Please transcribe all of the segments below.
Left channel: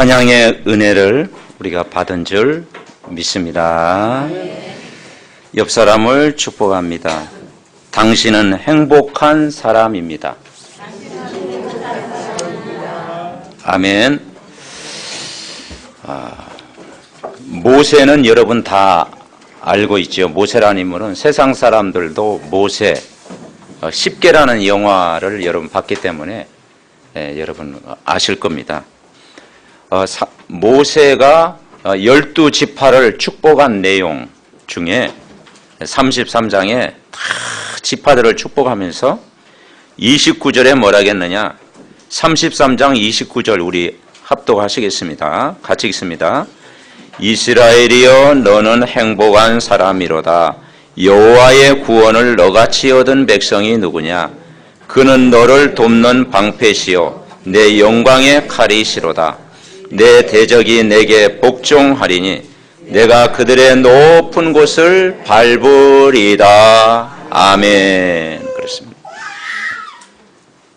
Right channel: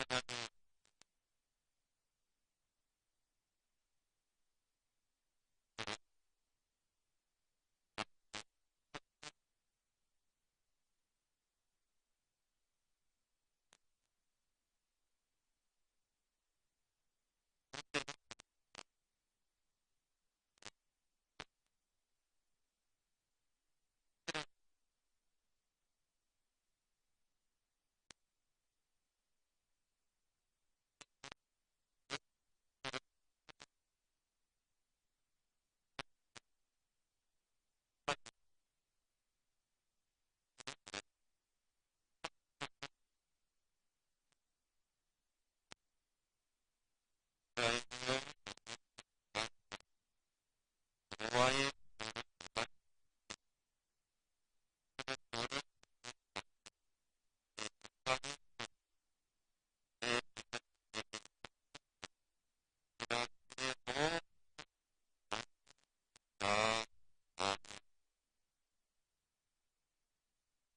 찬양의 은혜를 우리가 받은 줄 믿습니다. 옆 사람을 축복합니다. 당신은 행복한 사람입니다. 아멘. 모세는 여러분 다 알고 있죠. 모세라는 인물은 세상 사람들도 모세 10개라는 영화를 여러분 봤기 때문에 여러분 아실 겁니다. 모세가 12지파를 축복한 내용 중에 33장에 다 지파들을 축복하면서 29절에 뭐라 하겠느냐. 33장 29절 우리 합독하시겠습니다. 같이 읽습니다. 이스라엘이여 너는 행복한 사람이로다. 여호와의 구원을 너같이 얻은 백성이 누구냐. 그는 너를 돕는 방패시요 내 영광의 칼이시로다. 내 대적이 내게 복종하리니 내가 그들의 높은 곳을 밟으리다. 아멘. 그렇습니다.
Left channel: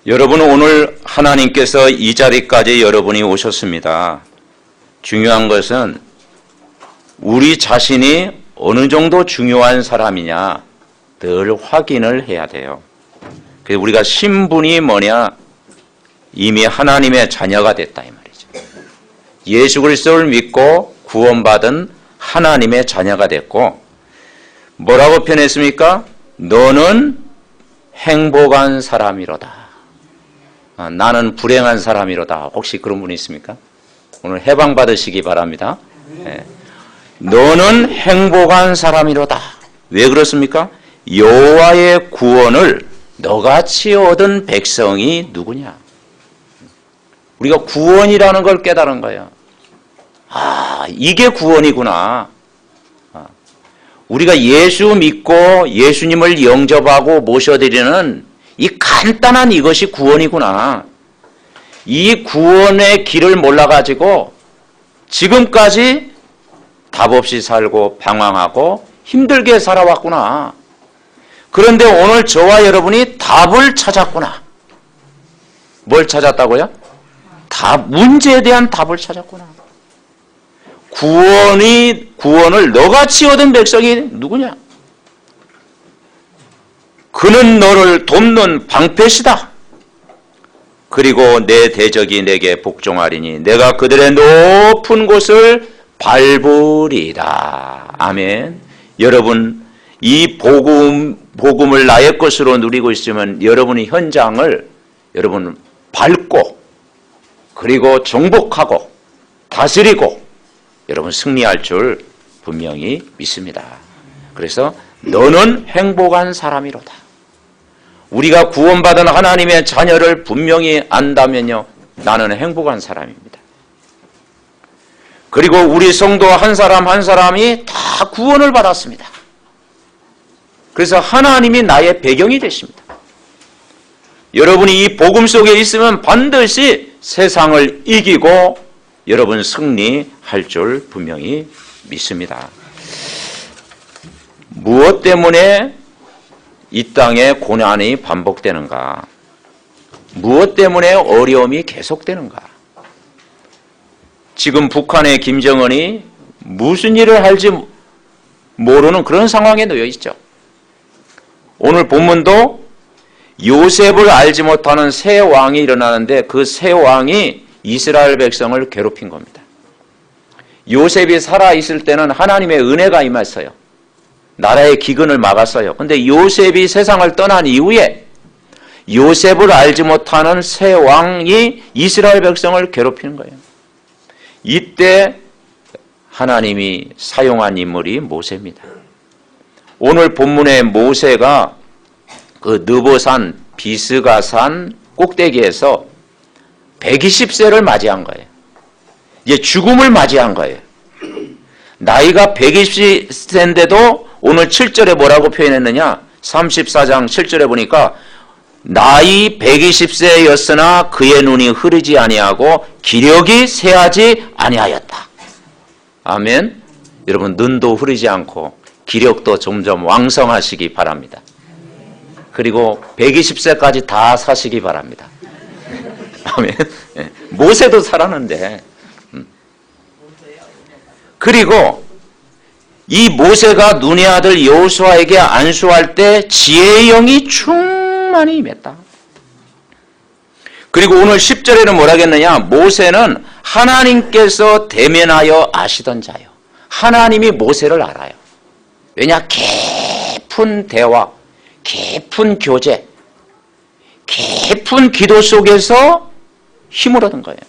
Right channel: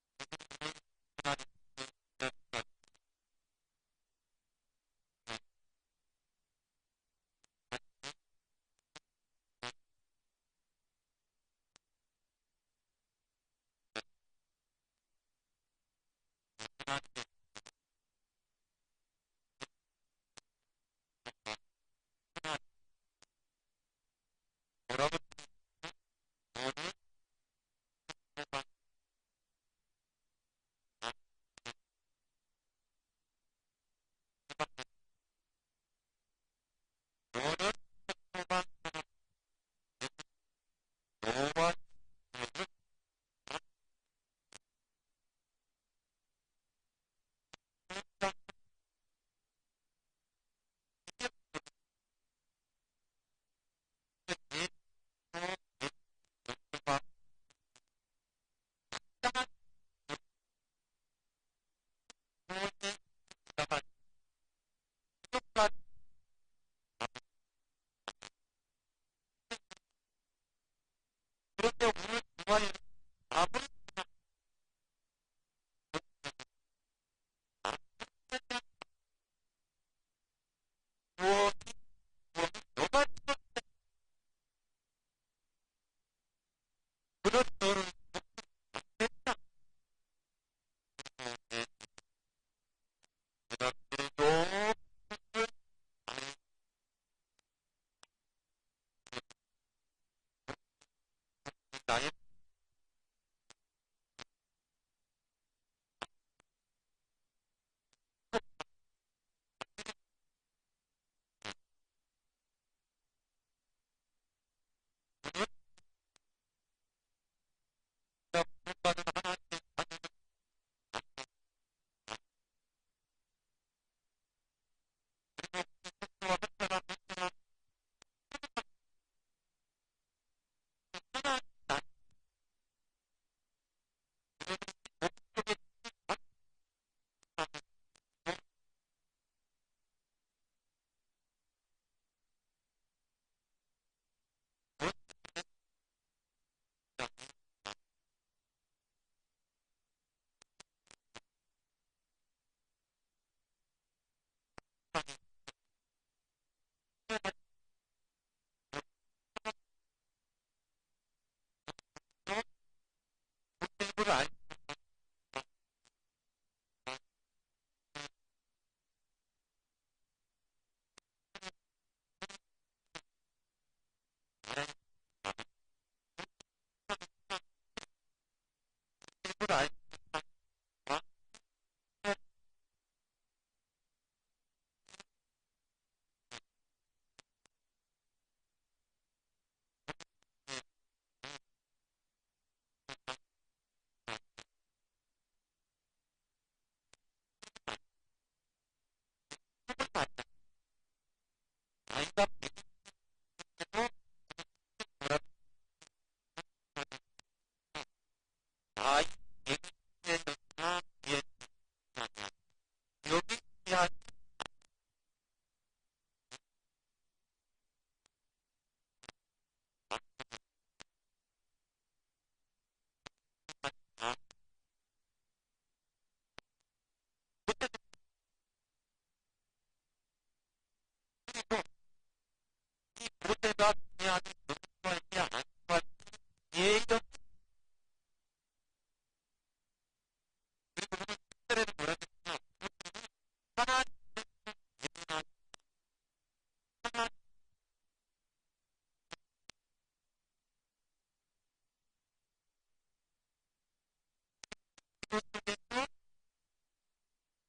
여러분, 오늘 하나님께서 이 자리까지 여러분이 오셨습니다. 중요한 것은 우리 자신이 어느 정도 중요한 사람이냐 늘 확인을 해야 돼요. 그래서 우리가 신분이 뭐냐, 이미 하나님의 자녀가 됐다 이 말이죠. 예수 그리스도를 믿고 구원받은 하나님의 자녀가 됐고, 뭐라고 표현했습니까? 너는 행복한 사람이로다. 나는 불행한 사람이로다. 혹시 그런 분이 있습니까? 오늘 해방받으시기 바랍니다. 네. 너는 행복한 사람이로다. 왜 그렇습니까? 여호와의 구원을 너같이 얻은 백성이 누구냐? 우리가 구원이라는 걸 깨달은 거예요. 이게 구원이구나. 우리가 예수 믿고 예수님을 영접하고 모셔드리는 이 간단한 이것이 구원이구나. 이 구원의 길을 몰라가지고 지금까지 답 없이 살고 방황하고 힘들게 살아왔구나. 그런데 오늘 저와 여러분이 답을 찾았구나. 뭘 찾았다고요? 문제에 대한 답을 찾았구나. 구원을 너같이 얻은 백성이 누구냐? 그는 너를 돕는 방패시다. 그리고 내 대적이 내게 복종하리니 내가 그들의 높은 곳을 밟으리다. 아멘. 여러분, 이 복음을 나의 것으로 누리고 있으면 여러분이 현장을 여러분 밟고 그리고 정복하고 다스리고 여러분 승리할 줄 분명히 믿습니다. 그래서 너는 행복한 사람이로다. 우리가 구원받은 하나님의 자녀를 분명히 안다면요, 나는 행복한 사람입니다. 그리고 우리 성도 한 사람 한 사람이 다 구원을 받았습니다. 그래서 하나님이 나의 배경이 되십니다. 여러분이 이 복음 속에 있으면 반드시 세상을 이기고 여러분 승리할 줄 분명히 믿습니다. 무엇 때문에 이 땅에 고난이 반복되는가? 무엇 때문에 어려움이 계속되는가? 지금 북한의 김정은이 무슨 일을 할지 모르는 그런 상황에 놓여 있죠. 오늘 본문도 요셉을 알지 못하는 새 왕이 일어나는데 그 새 왕이 이스라엘 백성을 괴롭힌 겁니다. 요셉이 살아있을 때는 하나님의 은혜가 임했어요. 나라의 기근을 막았어요. 그런데 요셉이 세상을 떠난 이후에 요셉을 알지 못하는 새 왕이 이스라엘 백성을 괴롭히는 거예요. 이때 하나님이 사용한 인물이 모세입니다. 오늘 본문의 모세가 그 느보산 비스가산 꼭대기에서 120세를 맞이한 거예요. 이제 죽음을 맞이한 거예요. 나이가 120세인데도 오늘 7절에 뭐라고 표현했느냐? 34장 7절에 보니까 나이 120세였으나 그의 눈이 흐리지 아니하고 기력이 쇠하지 아니하였다. 아멘. 여러분, 눈도 흐리지 않고 기력도 점점 왕성하시기 바랍니다. 그리고 120세까지 다 사시기 바랍니다. 아멘. 모세도 살았는데 그리고 이 모세가 눈의 아들 여호수아에게 안수할 때 지혜의 영이 충만히 임했다. 그리고 오늘 10절에는 뭐라겠느냐? 모세는 하나님께서 대면하여 아시던 자요. 하나님이 모세를 알아요. 왜냐? 깊은 대화, 깊은 교제, 깊은 기도 속에서 힘을 얻은 거예요.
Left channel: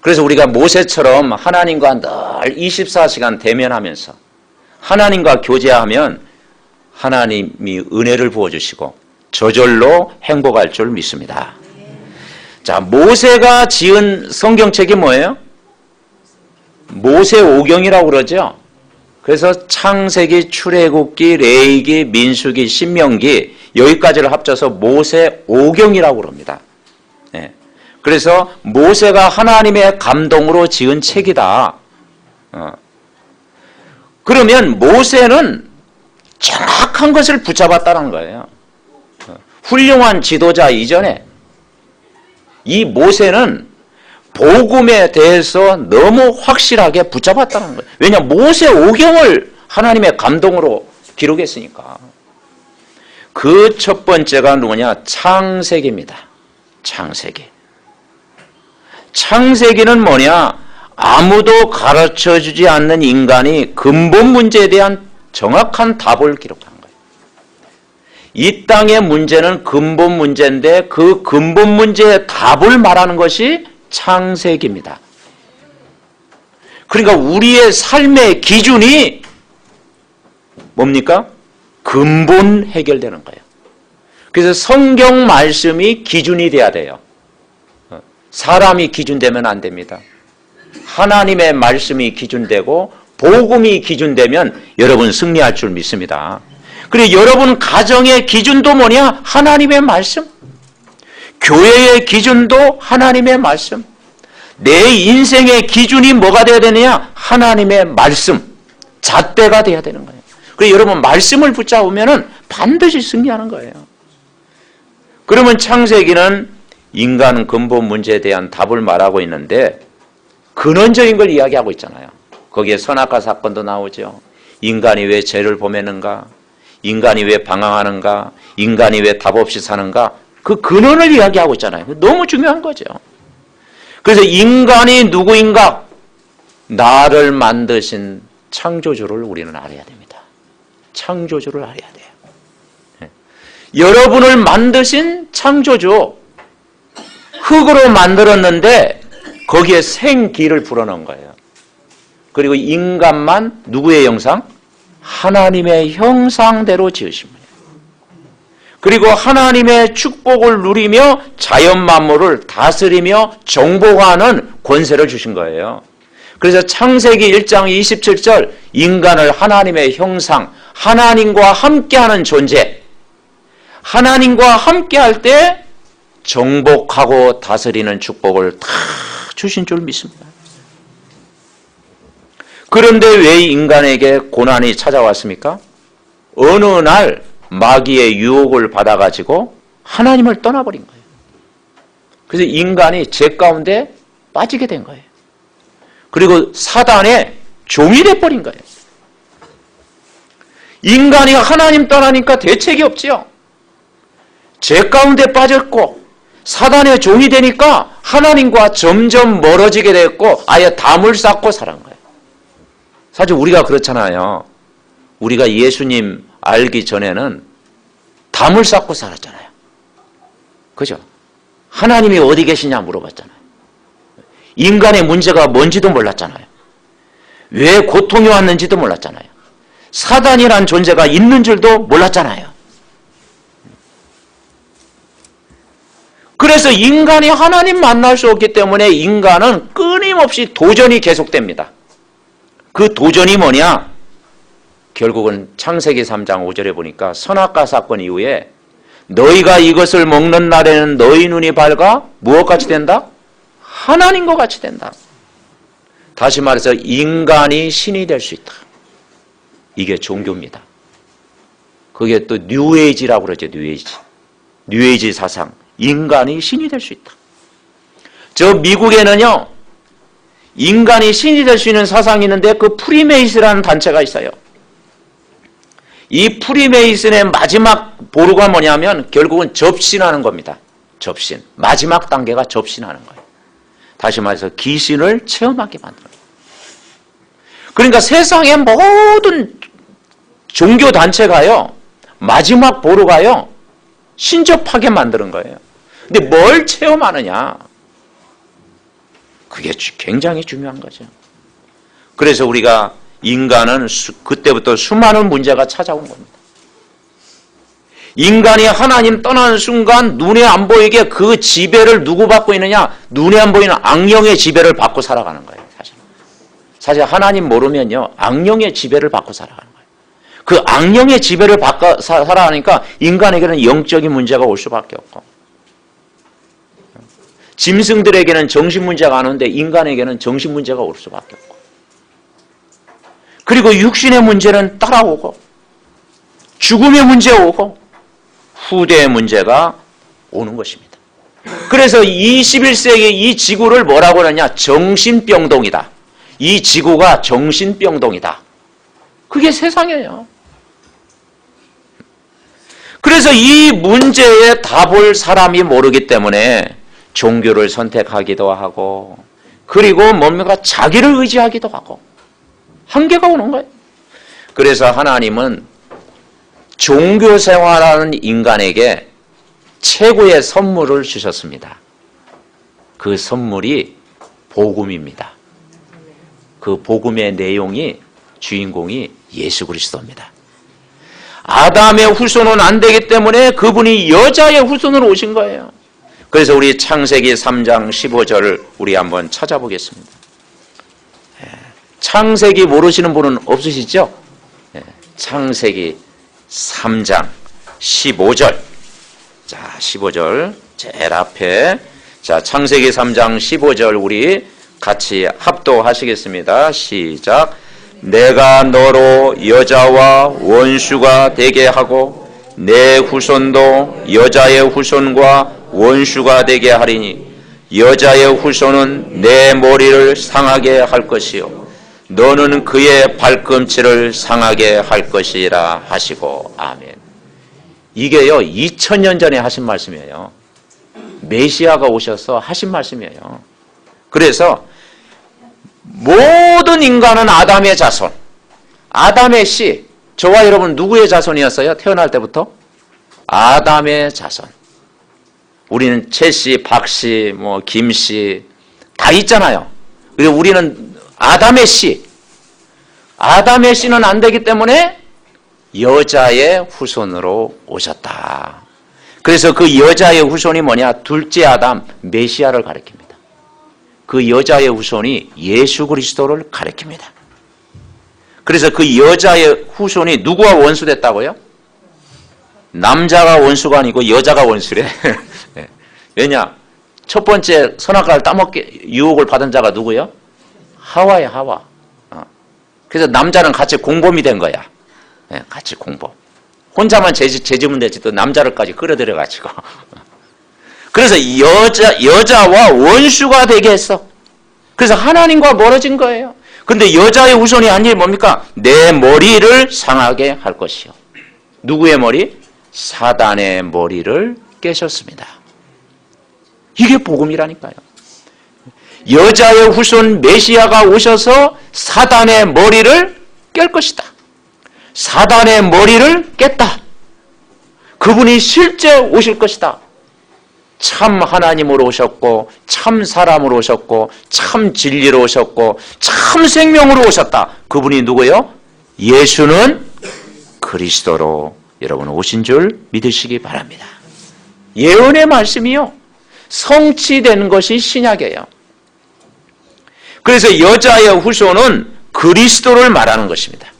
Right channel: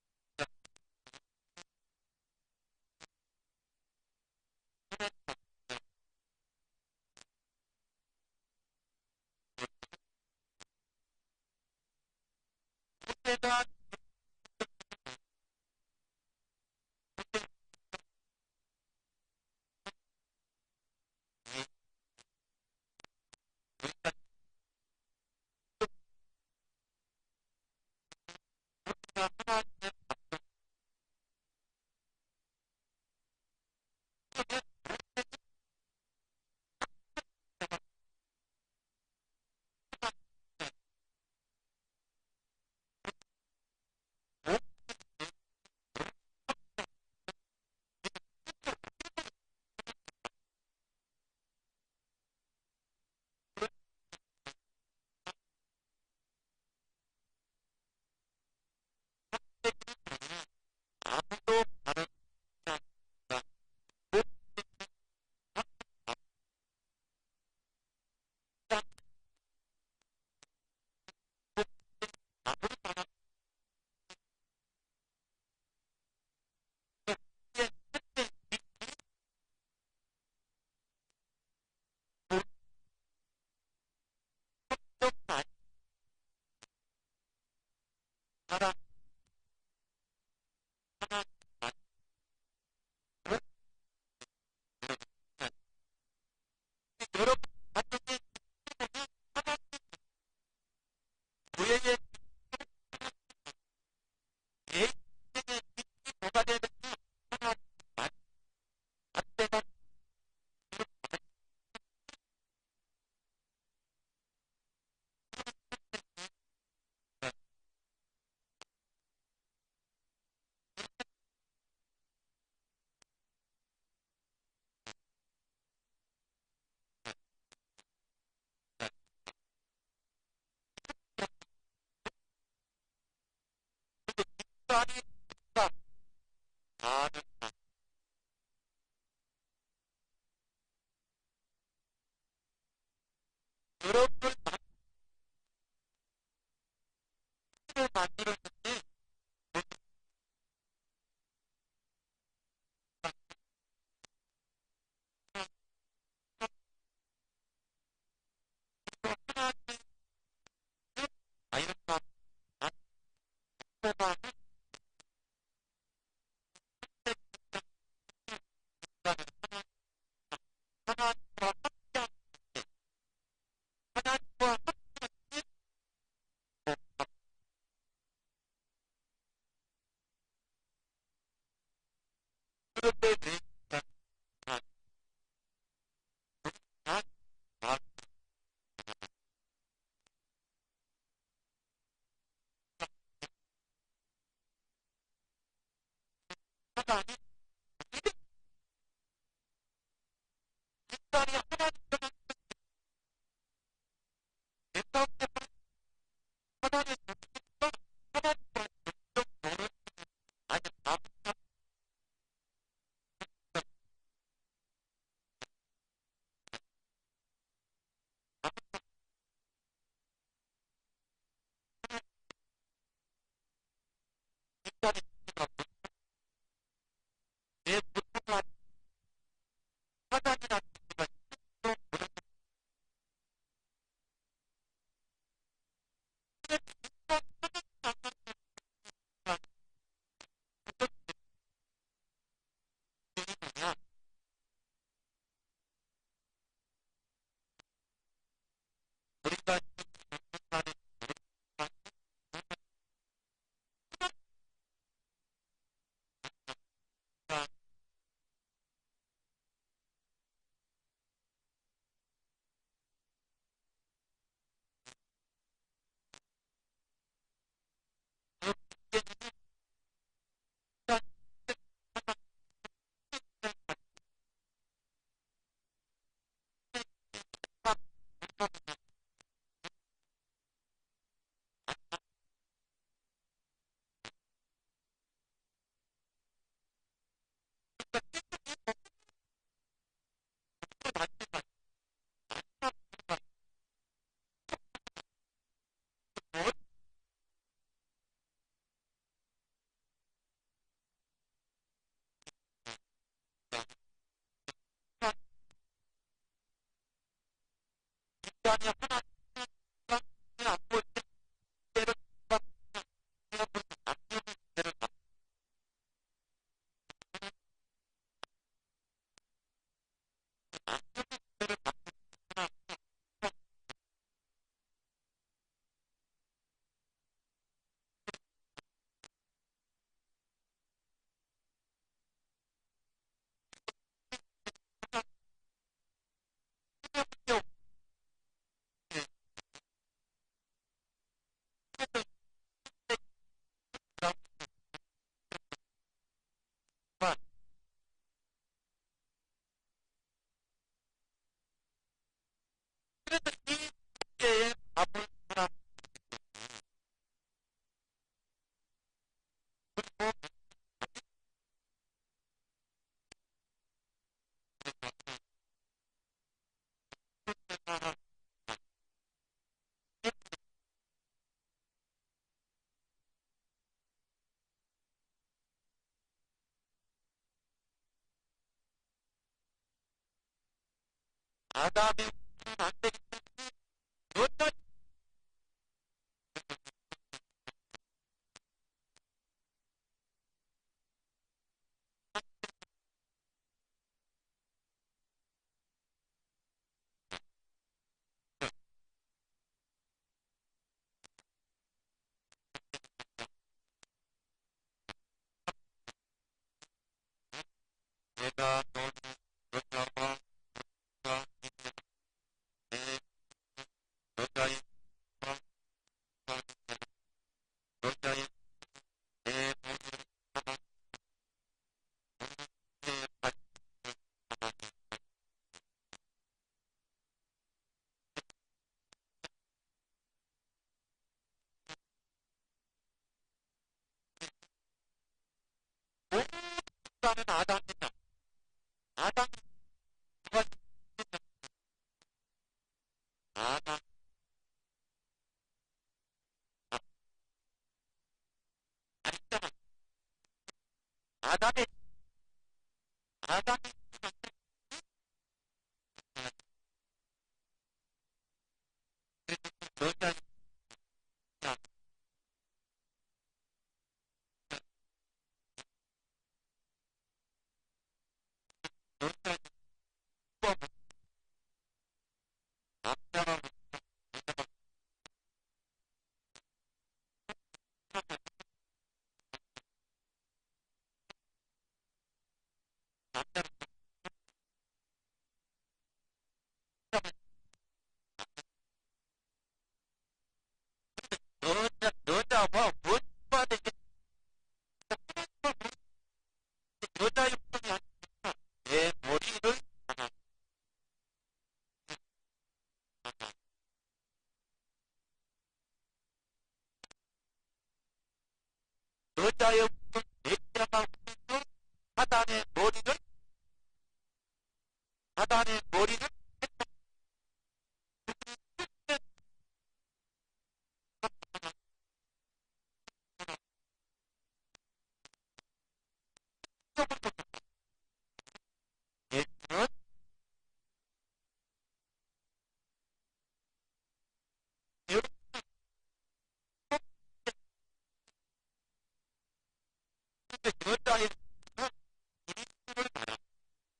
그래서 우리가 모세처럼 하나님과 늘 24시간 대면하면서 하나님과 교제하면 하나님이 은혜를 부어주시고 저절로 행복할 줄 믿습니다. 자, 모세가 지은 성경책이 뭐예요? 모세오경이라고 그러죠. 그래서 창세기, 출애굽기, 레위기, 민수기, 신명기 여기까지를 합쳐서 모세오경이라고 그럽니다. 네. 그래서 모세가 하나님의 감동으로 지은 책이다. 그러면 모세는 정확한 것을 붙잡았다는 거예요. 훌륭한 지도자 이전에 이 모세는 복음에 대해서 너무 확실하게 붙잡았다는 거예요. 왜냐하면 모세오경을 하나님의 감동으로 기록했으니까. 그 첫 번째가 누구냐? 창세기입니다. 창세기. 창세기는 뭐냐? 아무도 가르쳐주지 않는 인간이 근본 문제에 대한 정확한 답을 기록한 거예요. 이 땅의 문제는 근본 문제인데 그 근본 문제의 답을 말하는 것이 창세기입니다. 그러니까 우리의 삶의 기준이 뭡니까? 근본 해결되는 거예요. 그래서 성경 말씀이 기준이 돼야 돼요. 사람이 기준되면 안 됩니다. 하나님의 말씀이 기준되고 복음이 기준되면 여러분 승리할 줄 믿습니다. 그리고 여러분 가정의 기준도 뭐냐? 하나님의 말씀. 교회의 기준도 하나님의 말씀. 내 인생의 기준이 뭐가 돼야 되느냐? 하나님의 말씀. 잣대가 돼야 되는 거예요. 그리고 여러분 말씀을 붙잡으면 반드시 승리하는 거예요. 그러면 창세기는 인간 근본 문제에 대한 답을 말하고 있는데 근원적인 걸 이야기하고 있잖아요. 거기에 선악과 사건도 나오죠. 인간이 왜 죄를 범했는가? 인간이 왜 방황하는가? 인간이 왜 답 없이 사는가? 그 근원을 이야기하고 있잖아요. 너무 중요한 거죠. 그래서 인간이 누구인가? 나를 만드신 창조주를 우리는 알아야 됩니다. 창조주를 알아야 돼요. 여러분을 만드신 창조주, 흙으로 만들었는데 거기에 생기를 불어넣은 거예요. 그리고 인간만 누구의 형상? 하나님의 형상대로 지으신 분이에요. 그리고 하나님의 축복을 누리며 자연 만물을 다스리며 정복하는 권세를 주신 거예요. 그래서 창세기 1장 27절 인간을 하나님의 형상, 하나님과 함께하는 존재, 하나님과 함께할 때 정복하고 다스리는 축복을 다 주신 줄 믿습니다. 그런데 왜 인간에게 고난이 찾아왔습니까? 어느 날 마귀의 유혹을 받아가지고 하나님을 떠나버린 거예요. 그래서 인간이 죄 가운데 빠지게 된 거예요. 그리고 사단의 종이 돼버린 거예요. 인간이 하나님 떠나니까 대책이 없지요. 죄 가운데 빠졌고 사단의 종이 되니까 하나님과 점점 멀어지게 됐고 아예 담을 쌓고 살은 거예요. 사실 우리가 그렇잖아요. 우리가 예수님 알기 전에는 담을 쌓고 살았잖아요. 그죠? 하나님이 어디 계시냐 물어봤잖아요. 인간의 문제가 뭔지도 몰랐잖아요. 왜 고통이 왔는지도 몰랐잖아요. 사단이란 존재가 있는 줄도 몰랐잖아요. 그래서 인간이 하나님 만날 수 없기 때문에 인간은 끊임없이 도전이 계속됩니다. 그 도전이 뭐냐? 결국은 창세기 3장 5절에 보니까 선악과 사건 이후에 너희가 이것을 먹는 날에는 너희 눈이 밝아 무엇같이 된다? 하나님과 같이 된다. 다시 말해서 인간이 신이 될 수 있다. 이게 종교입니다. 그게 또 뉴에이지라고 그러죠. 뉴에이지 사상. 인간이 신이 될 수 있다. 저 미국에는요. 인간이 신이 될 수 있는 사상이 있는데 그 프리메이슨이라는 단체가 있어요. 이 프리메이슨의 마지막 보루가 뭐냐면 결국은 접신하는 겁니다. 접신. 마지막 단계가 접신하는 거예요. 다시 말해서 귀신을 체험하게 만드는 거예요. 그러니까 세상의 모든 종교 단체가요, 마지막 보루가요, 신접하게 만드는 거예요. 근데 뭘 체험하느냐? 그게 굉장히 중요한 거죠. 그래서 우리가 인간은 그때부터 수많은 문제가 찾아온 겁니다. 인간이 하나님 떠나는 순간 눈에 안 보이게 그 지배를 누구 받고 있느냐? 눈에 안 보이는 악령의 지배를 받고 살아가는 거예요. 사실 하나님 모르면요, 악령의 지배를 받고 살아가는 거예요. 그 악령의 지배를 받고 살아가니까 인간에게는 영적인 문제가 올 수밖에 없고, 짐승들에게는 정신 문제가 안 오는데 인간에게는 정신 문제가 올 수밖에 없고, 그리고 육신의 문제는 따라오고, 죽음의 문제 오고, 후대의 문제가 오는 것입니다. 그래서 21세기 이 지구를 뭐라고 하느냐? 정신병동이다. 이 지구가 정신병동이다. 그게 세상이에요. 그래서 이 문제에 답을 사람이 모르기 때문에 종교를 선택하기도 하고, 그리고 뭡니까? 자기를 의지하기도 하고, 한계가 오는 거예요. 그래서 하나님은 종교 생활하는 인간에게 최고의 선물을 주셨습니다. 그 선물이 복음입니다. 그 복음의 내용이, 주인공이 예수 그리스도입니다. 아담의 후손은 안 되기 때문에 그분이 여자의 후손으로 오신 거예요. 그래서 우리 창세기 3장 15절을 우리 한번 찾아보겠습니다. 창세기 모르시는 분은 없으시죠? 창세기 3장 15절. 자, 15절 제일 앞에. 자, 창세기 3장 15절 우리 같이 합독하시겠습니다. 시작. 내가 너로 여자와 원수가 되게 하고 내 후손도 여자의 후손과 원수가 되게 하리니 여자의 후손은 내 머리를 상하게 할 것이요 너는 그의 발꿈치를 상하게 할 것이라 하시고. 아멘. 이게요 2000년 전에 하신 말씀이에요. 메시아가 오셔서 하신 말씀이에요. 그래서 모든 인간은 아담의 자손, 아담의 씨. 저와 여러분 누구의 자손이었어요? 태어날 때부터? 아담의 자손. 우리는 최씨, 박씨, 김씨 다 있잖아요. 그리고 우리는 아담의 씨. 아담의 씨는 안 되기 때문에 여자의 후손으로 오셨다. 그래서 그 여자의 후손이 뭐냐? 둘째 아담, 메시아를 가리킵니다. 그 여자의 후손이 예수 그리스도를 가리킵니다. 그래서 그 여자의 후손이 누구와 원수됐다고요? 남자가 원수가 아니고 여자가 원수래. 왜냐? 첫 번째 선악과를 따먹게 유혹을 받은 자가 누구요? 하와야, 하와. 그래서 남자는 같이 공범이 된 거야. 같이 공범. 혼자만 죄지면 되지 또 남자를까지 끌어들여가지고. 그래서 여자와 원수가 되게 했어. 그래서 하나님과 멀어진 거예요. 근데 여자의 후손이 한 일이 뭡니까? 내 머리를 상하게 할 것이요. 누구의 머리? 사단의 머리를 깨셨습니다. 이게 복음이라니까요. 여자의 후손 메시아가 오셔서 사단의 머리를 깰 것이다. 사단의 머리를 깼다. 그분이 실제 오실 것이다. 참 하나님으로 오셨고 참 사람으로 오셨고 참 진리로 오셨고 참 생명으로 오셨다. 그분이 누구예요? 예수는 그리스도로 여러분 오신 줄 믿으시기 바랍니다. 예언의 말씀이요 성취된 것이 신약이에요. 그래서 여자의 후손은 그리스도를 말하는 것입니다.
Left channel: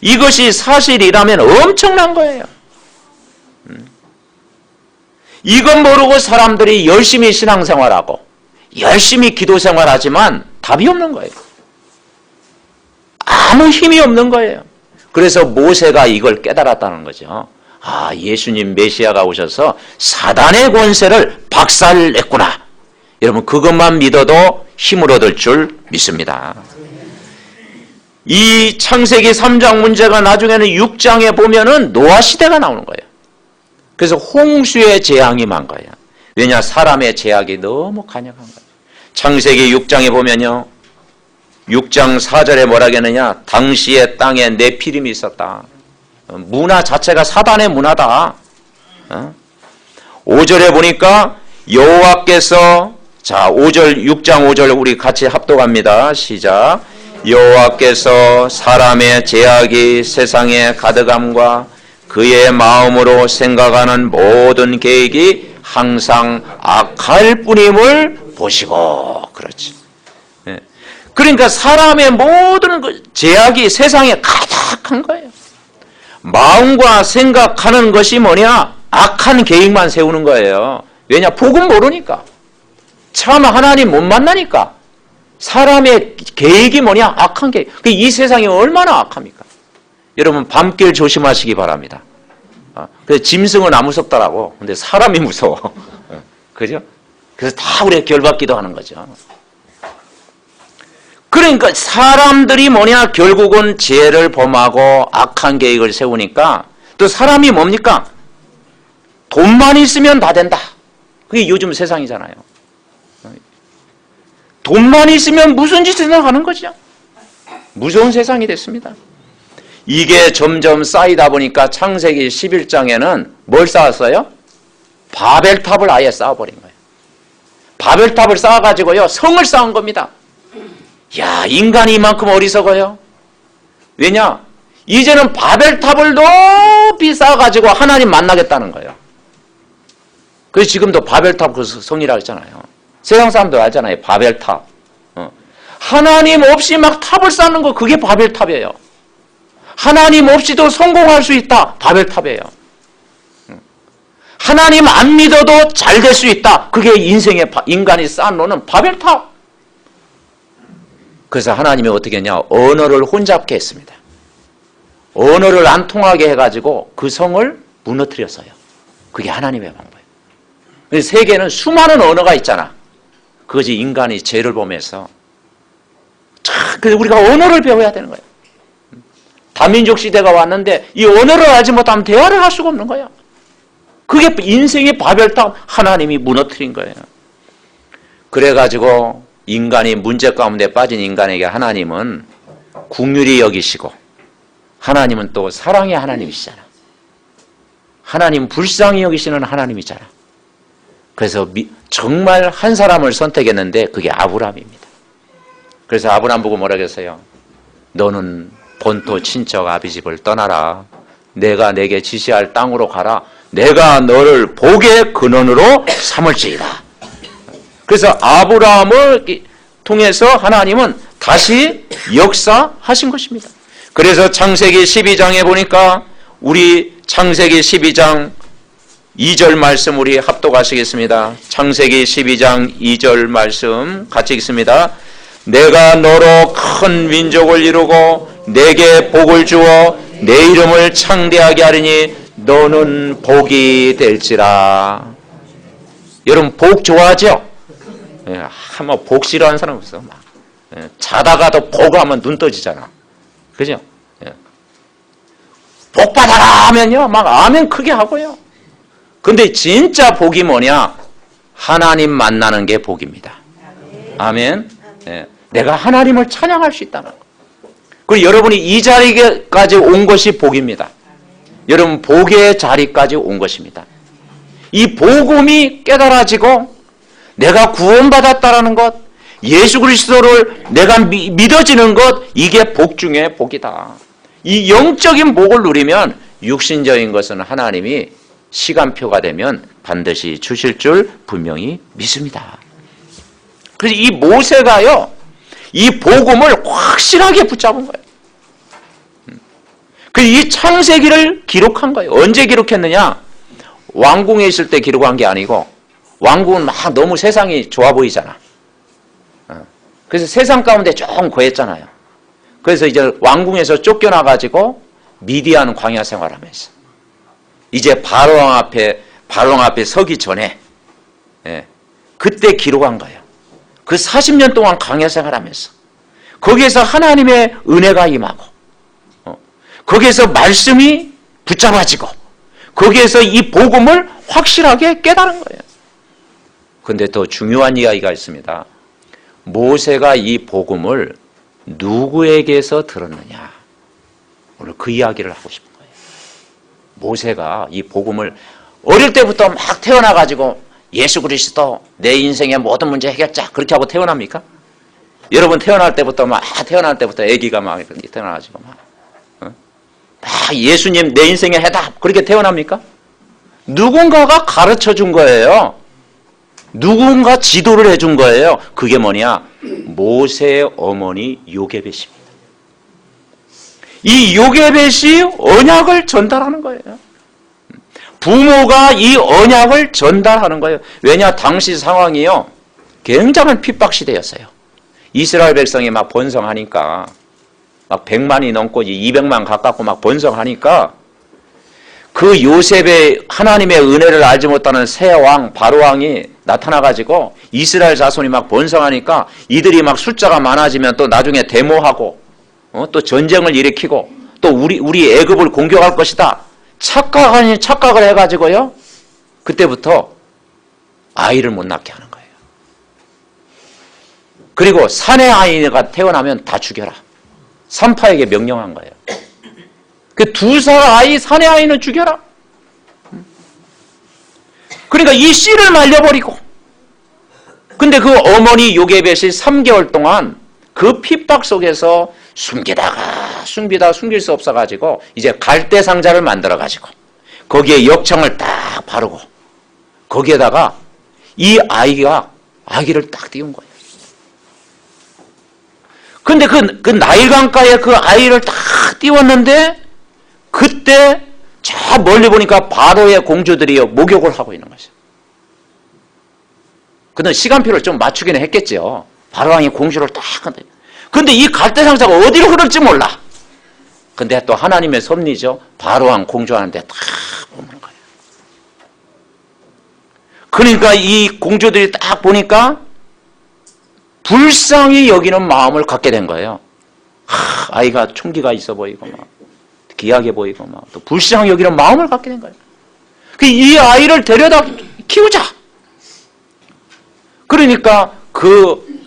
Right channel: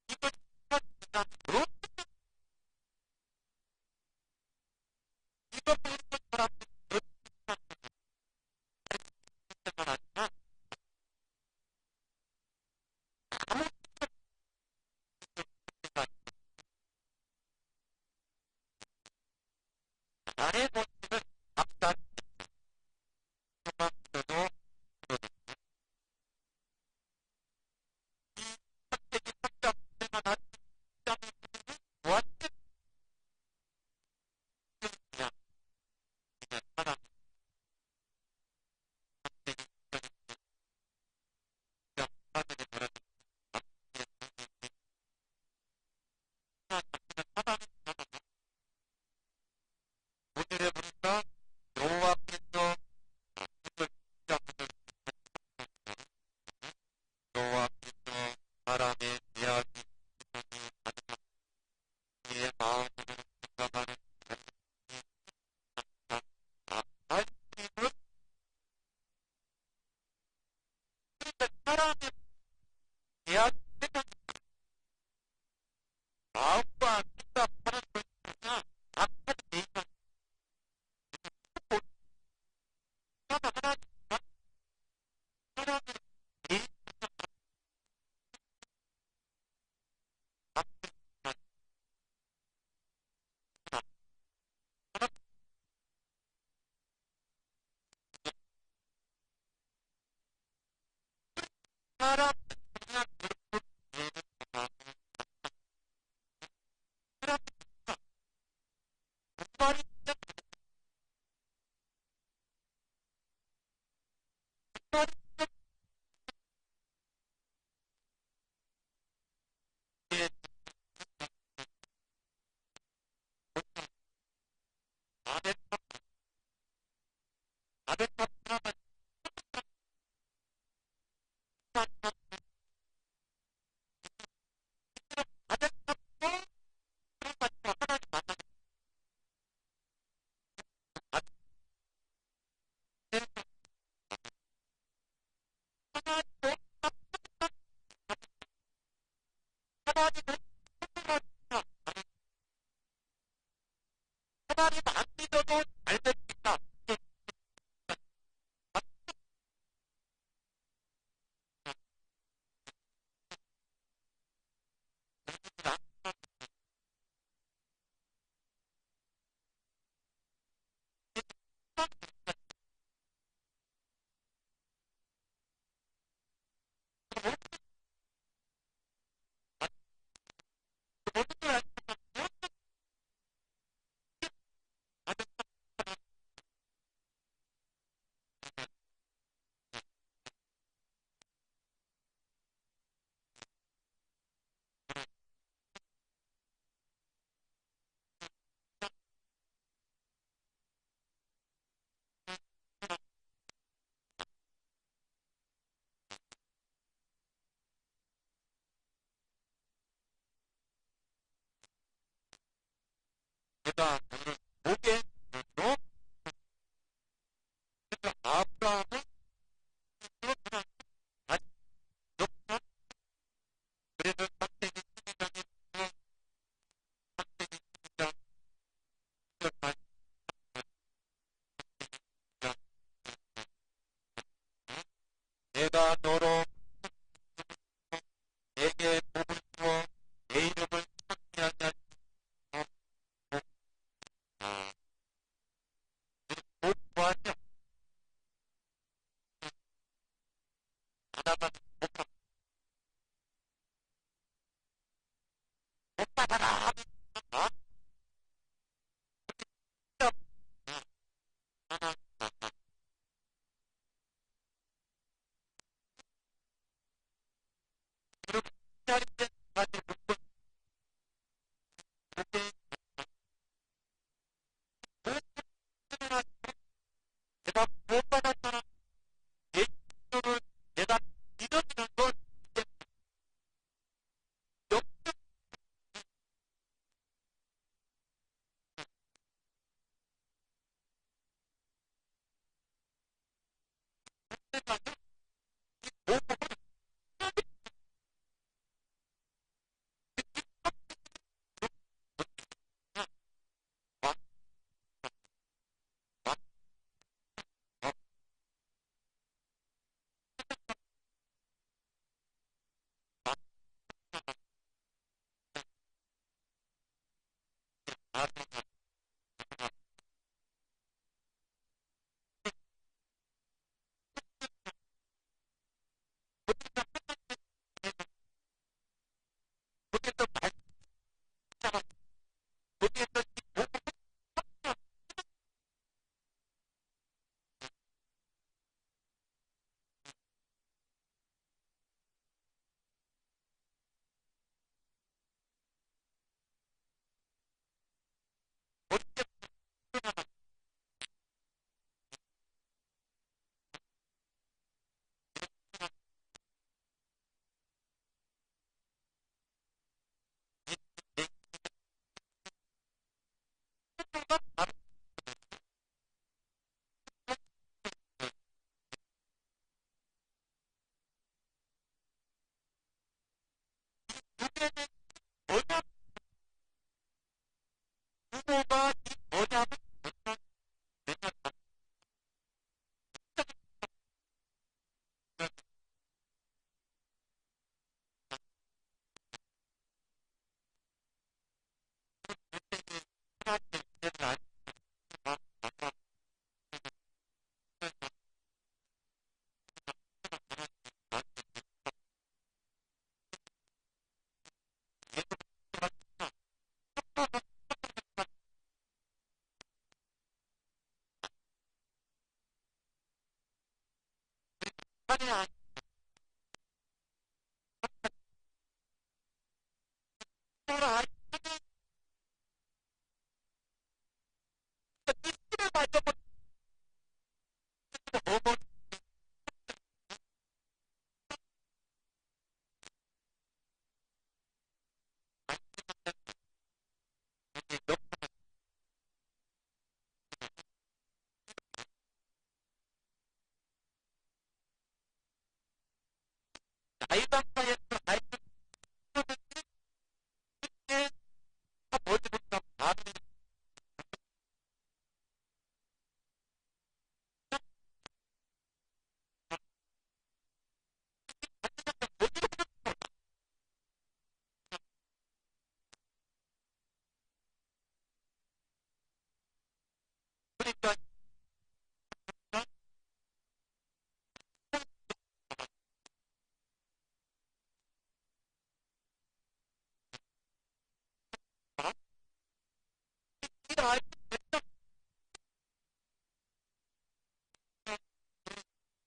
이것이 사실이라면 엄청난 거예요. 이건 모르고 사람들이 열심히 신앙생활하고 열심히 기도생활하지만 답이 없는 거예요. 아무 힘이 없는 거예요. 그래서 모세가 이걸 깨달았다는 거죠. 아, 예수님 메시아가 오셔서 사단의 권세를 박살냈구나. 여러분 그것만 믿어도 힘을 얻을 줄 믿습니다. 이 창세기 3장 문제가 나중에는 6장에 보면은 노아 시대가 나오는 거예요. 그래서 홍수의 재앙이 만 거예요. 왜냐? 사람의 제약이 너무 간역한 거예요. 창세기 6장에 보면요. 6장 4절에 뭐라 하겠느냐? 당시의 땅에 네피림이 있었다. 문화 자체가 사단의 문화다. 5절에 보니까 여호와께서, 자 5절 6장 5절 우리 같이 합독합니다. 시작. 여호와께서 사람의 제약이 세상에 가득함과 그의 마음으로 생각하는 모든 계획이 항상 악할 뿐임을 보시고. 그렇지. 그러니까 사람의 모든 제약이 세상에 가득한 거예요. 마음과 생각하는 것이 뭐냐? 악한 계획만 세우는 거예요. 왜냐? 복음 모르니까. 참 하나님 못 만나니까. 사람의 계획이 뭐냐? 악한 계획. 이 세상이 얼마나 악합니까? 여러분 밤길 조심하시기 바랍니다. 그래서 짐승은 안 무섭더라고. 근데 사람이 무서워. 그죠? 그래서 다 우리가 결받기도 하는 거죠. 그러니까 사람들이 뭐냐? 결국은 죄를 범하고 악한 계획을 세우니까 또 사람이 뭡니까? 돈만 있으면 다 된다. 그게 요즘 세상이잖아요. 돈만 있으면 무슨 짓이나 하는 거죠. 무서운 세상이 됐습니다. 이게 점점 쌓이다 보니까 창세기 11장에는 뭘 쌓았어요? 바벨탑을 아예 쌓아버린 거예요. 바벨탑을 쌓아가지고요, 성을 쌓은 겁니다. 야, 인간이 이만큼 어리석어요. 왜냐? 이제는 바벨탑을 높이 쌓아가지고 하나님 만나겠다는 거예요. 그래서 지금도 바벨탑 그 성이라고 했잖아요. 세상 사람들 알잖아요. 바벨탑. 하나님 없이 막 탑을 쌓는 거, 그게 바벨탑이에요. 하나님 없이도 성공할 수 있다. 바벨탑이에요. 하나님 안 믿어도 잘 될 수 있다. 그게 인생의 인간이 쌓아놓는 바벨탑. 그래서 하나님이 어떻게 했냐? 언어를 혼잡게 했습니다. 언어를 안 통하게 해가지고 그 성을 무너뜨렸어요. 그게 하나님의 방법이에요. 세계는 수많은 언어가 있잖아. 그것이 인간이 죄를 범해서. 그래서 우리가 언어를 배워야 되는 거예요. 다민족 시대가 왔는데 이 언어를 알지 못하면 대화를 할 수가 없는 거예요. 그게 인생의 바벨탑, 하나님이 무너뜨린 거예요. 그래가지고 인간이 문제 가운데 빠진 인간에게 하나님은 긍휼히 여기시고, 하나님은 또 사랑의 하나님이시잖아. 하나님은 불쌍히 여기시는 하나님이잖아. 그래서 정말 한 사람을 선택했는데 그게 아브라함입니다. 그래서 아브라함 보고 뭐라 그랬어요? 너는 본토 친척 아비집을 떠나라. 내가 내게 지시할 땅으로 가라. 내가 너를 복의 근원으로 삼을지이다. 그래서 아브라함을 통해서 하나님은 다시 역사하신 것입니다. 그래서 창세기 12장에 보니까 우리 창세기 12장 2절 말씀 우리 합독하시겠습니다. 창세기 12장 2절 말씀 같이 읽습니다. 내가 너로 큰 민족을 이루고 내게 복을 주어 내 이름을 창대하게 하리니 너는 복이 될지라. 여러분 복 좋아하죠? 한번 복 싫어하는 사람 없어. 막. 자다가도 복 하면 눈 떠지잖아. 그죠? 복 받아라 하면요, 막 아멘 크게 하고요. 근데 진짜 복이 뭐냐? 하나님 만나는 게 복입니다. 아멘. 내가 하나님을 찬양할 수 있다는 거. 그리고 여러분이 이 자리까지 온 것이 복입니다. 여러분 복의 자리까지 온 것입니다. 이 복음이 깨달아지고 내가 구원받았다라는 것, 예수 그리스도를 내가 믿어지는 것, 이게 복 중에 복이다. 이 영적인 복을 누리면 육신적인 것은 하나님이 시간표가 되면 반드시 주실 줄 분명히 믿습니다. 그래서 이 모세가요, 이 복음을 확실하게 붙잡은 거예요. 그래서 이 창세기를 기록한 거예요. 언제 기록했느냐? 왕궁에 있을 때 기록한 게 아니고, 왕궁은 막 너무 세상이 좋아 보이잖아. 그래서 세상 가운데 조금 거했잖아요. 그래서 이제 왕궁에서 쫓겨나가지고 미디안 광야 생활하면서 이제 바로왕 앞에 서기 전에, 그때 기록한 거예요. 그 40년 동안 강해 생활하면서 거기에서 하나님의 은혜가 임하고 거기에서 말씀이 붙잡아지고 거기에서 이 복음을 확실하게 깨달은 거예요. 그런데 더 중요한 이야기가 있습니다. 모세가 이 복음을 누구에게서 들었느냐. 오늘 그 이야기를 하고 싶은 거예요. 모세가 이 복음을 어릴 때부터 막 태어나가지고 예수 그리스도 내 인생의 모든 문제 해결자 그렇게 하고 태어납니까? 여러분 태어날 때부터 아기가 막 태어나가지고 막 예수님 내 인생의 해답 그렇게 태어납니까? 누군가가 가르쳐 준 거예요. 누군가 지도를 해준 거예요. 그게 뭐냐? 모세의 어머니 요게벳입니다. 이 요게벳이 언약을 전달하는 거예요. 부모가 이 언약을 전달하는 거예요. 왜냐? 당시 상황이요. 굉장한 핍박 시대였어요. 이스라엘 백성이 막 번성하니까 막 100만이 넘고 200만 가깝고 막 번성하니까 그 요셉의 하나님의 은혜를 알지 못하는 새 왕 바로 왕이 나타나가지고 이스라엘 자손이 막 번성하니까 이들이 막 숫자가 많아지면 또 나중에 데모하고 또 전쟁을 일으키고 또 우리 애굽을 공격할 것이다. 착각 아닌 착각을 해가지고요. 그때부터 아이를 못 낳게 하는 거예요. 그리고 사내 아이가 태어나면 다 죽여라. 산파에게 명령한 거예요. 그 2살 아이, 사내 아이는 죽여라. 그러니까 이 씨를 말려버리고. 근데 그 어머니 요게벳이 3개월 동안 그 핍박 속에서 숨기다가 숨길 수 없어가지고 이제 갈대 상자를 만들어가지고 거기에 역청을 딱 바르고 거기에다가 이 아기를 딱 띄운 거예요. 근데 그 나일강가에 그 아이를 딱 띄웠는데 그때 저 멀리 보니까 바로의 공주들이 목욕을 하고 있는 거죠. 근데 시간표를 좀 맞추기는 했겠죠. 바로왕이 공주를 딱 한다. 근데 이 갈대상자가 어디로 흐를지 몰라. 근데 또 하나님의 섭리죠. 바로왕 공주하는데 딱 보는 거예요. 그러니까 이 공주들이 딱 보니까 불쌍히 여기는 마음을 갖게 된 거예요. 아이가 총기가 있어 보이고 막 귀하게 보이고 막 또 불쌍히 여기는 마음을 갖게 된 거예요. 이 아이를 데려다 키우자. 그러니까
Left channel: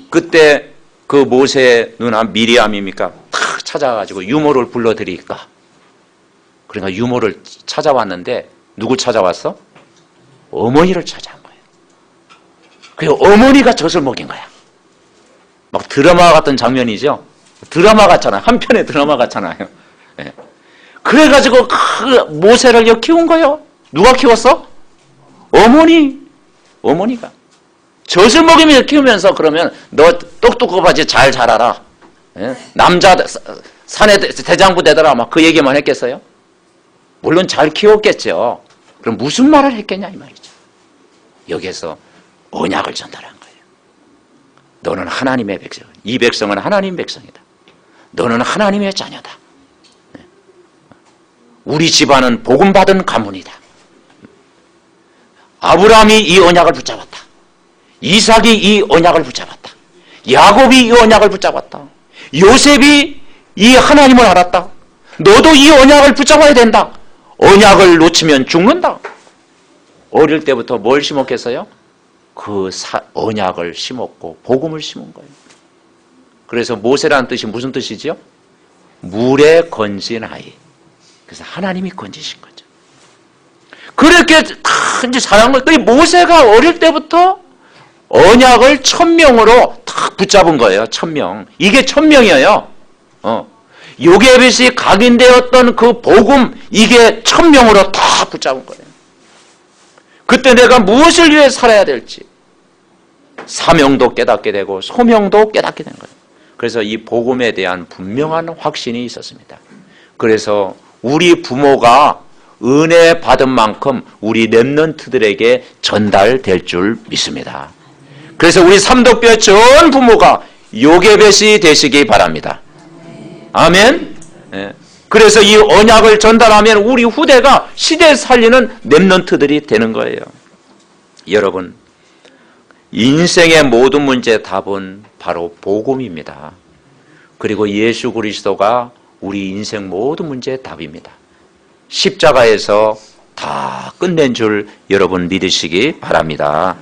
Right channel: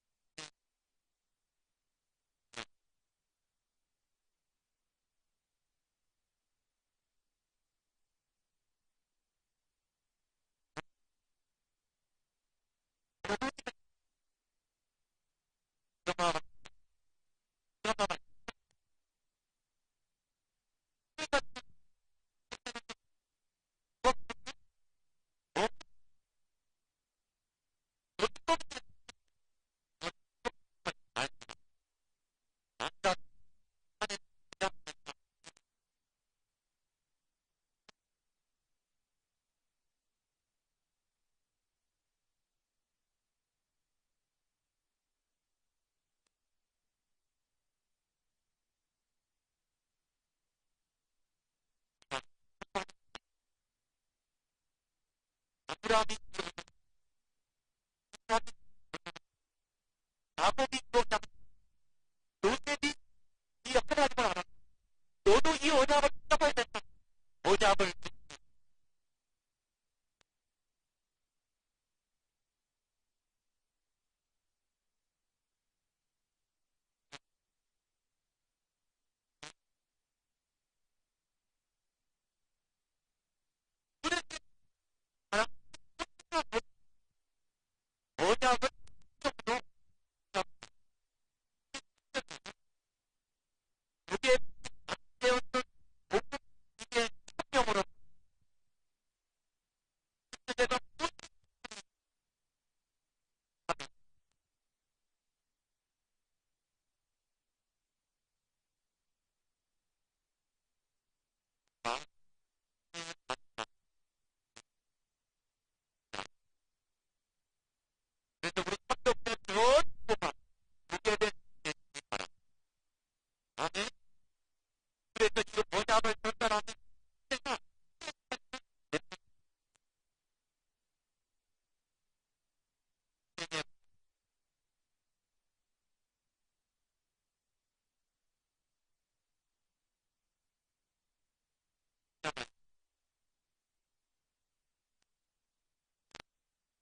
그때 그 모세의 누나 미리암입니까? 탁 찾아가지고 유모를 불러드리니까. 그러니까 유모를 찾아왔는데 누구 찾아왔어? 어머니를 찾아온 거예요. 그리고 어머니가 젖을 먹인 거야. 막 드라마 같은 장면이죠. 드라마 같잖아요. 한편의 드라마 같잖아요. 네. 그래가지고 그 모세를 키운 거예요. 누가 키웠어? 어머니가. 젖을 먹이면서 키우면서 그러면 너 똑똑하지 잘 자라라. 예? 남자 산에 대장부 되더라. 막 그 얘기만 했겠어요? 물론 잘 키웠겠죠. 그럼 무슨 말을 했겠냐 이 말이죠. 여기에서 언약을 전달한 거예요. 너는 하나님의 백성. 이 백성은 하나님 백성이다. 너는 하나님의 자녀다. 우리 집안은 복음받은 가문이다. 아브라함이 이 언약을 붙잡았다. 이삭이 이 언약을 붙잡았다. 야곱이 이 언약을 붙잡았다. 요셉이 이 하나님을 알았다. 너도 이 언약을 붙잡아야 된다. 언약을 놓치면 죽는다. 어릴 때부터 뭘 심었겠어요? 그 언약을 심었고 복음을 심은 거예요. 그래서 모세라는 뜻이 무슨 뜻이죠? 물에 건진 아이. 그래서 하나님이 건지신 거죠. 그렇게 이제 사랑한 거예요. 모세가 어릴 때부터 언약을 1000명으로 탁 붙잡은 거예요. 1000명. 이게 1000명이에요. 요게벳이 각인되었던 그 복음 이게 1000명으로 다 붙잡은 거예요. 그때 내가 무엇을 위해 살아야 될지 사명도 깨닫게 되고 소명도 깨닫게 된 거예요. 그래서 이 복음에 대한 분명한 확신이 있었습니다. 그래서 우리 부모가 은혜 받은 만큼 우리 렘넌트들에게 전달될 줄 믿습니다. 그래서 우리 삼덕교회 전 부모가 요게벳이 되시기 바랍니다. 아멘. 예. 그래서 이 언약을 전달하면 우리 후대가 시대 살리는 렘넌트들이 되는 거예요. 여러분, 인생의 모든 문제의 답은 바로 복음입니다. 그리고 예수 그리스도가 우리 인생 모든 문제의 답입니다. 십자가에서 다 끝낸 줄 여러분 믿으시기 바랍니다.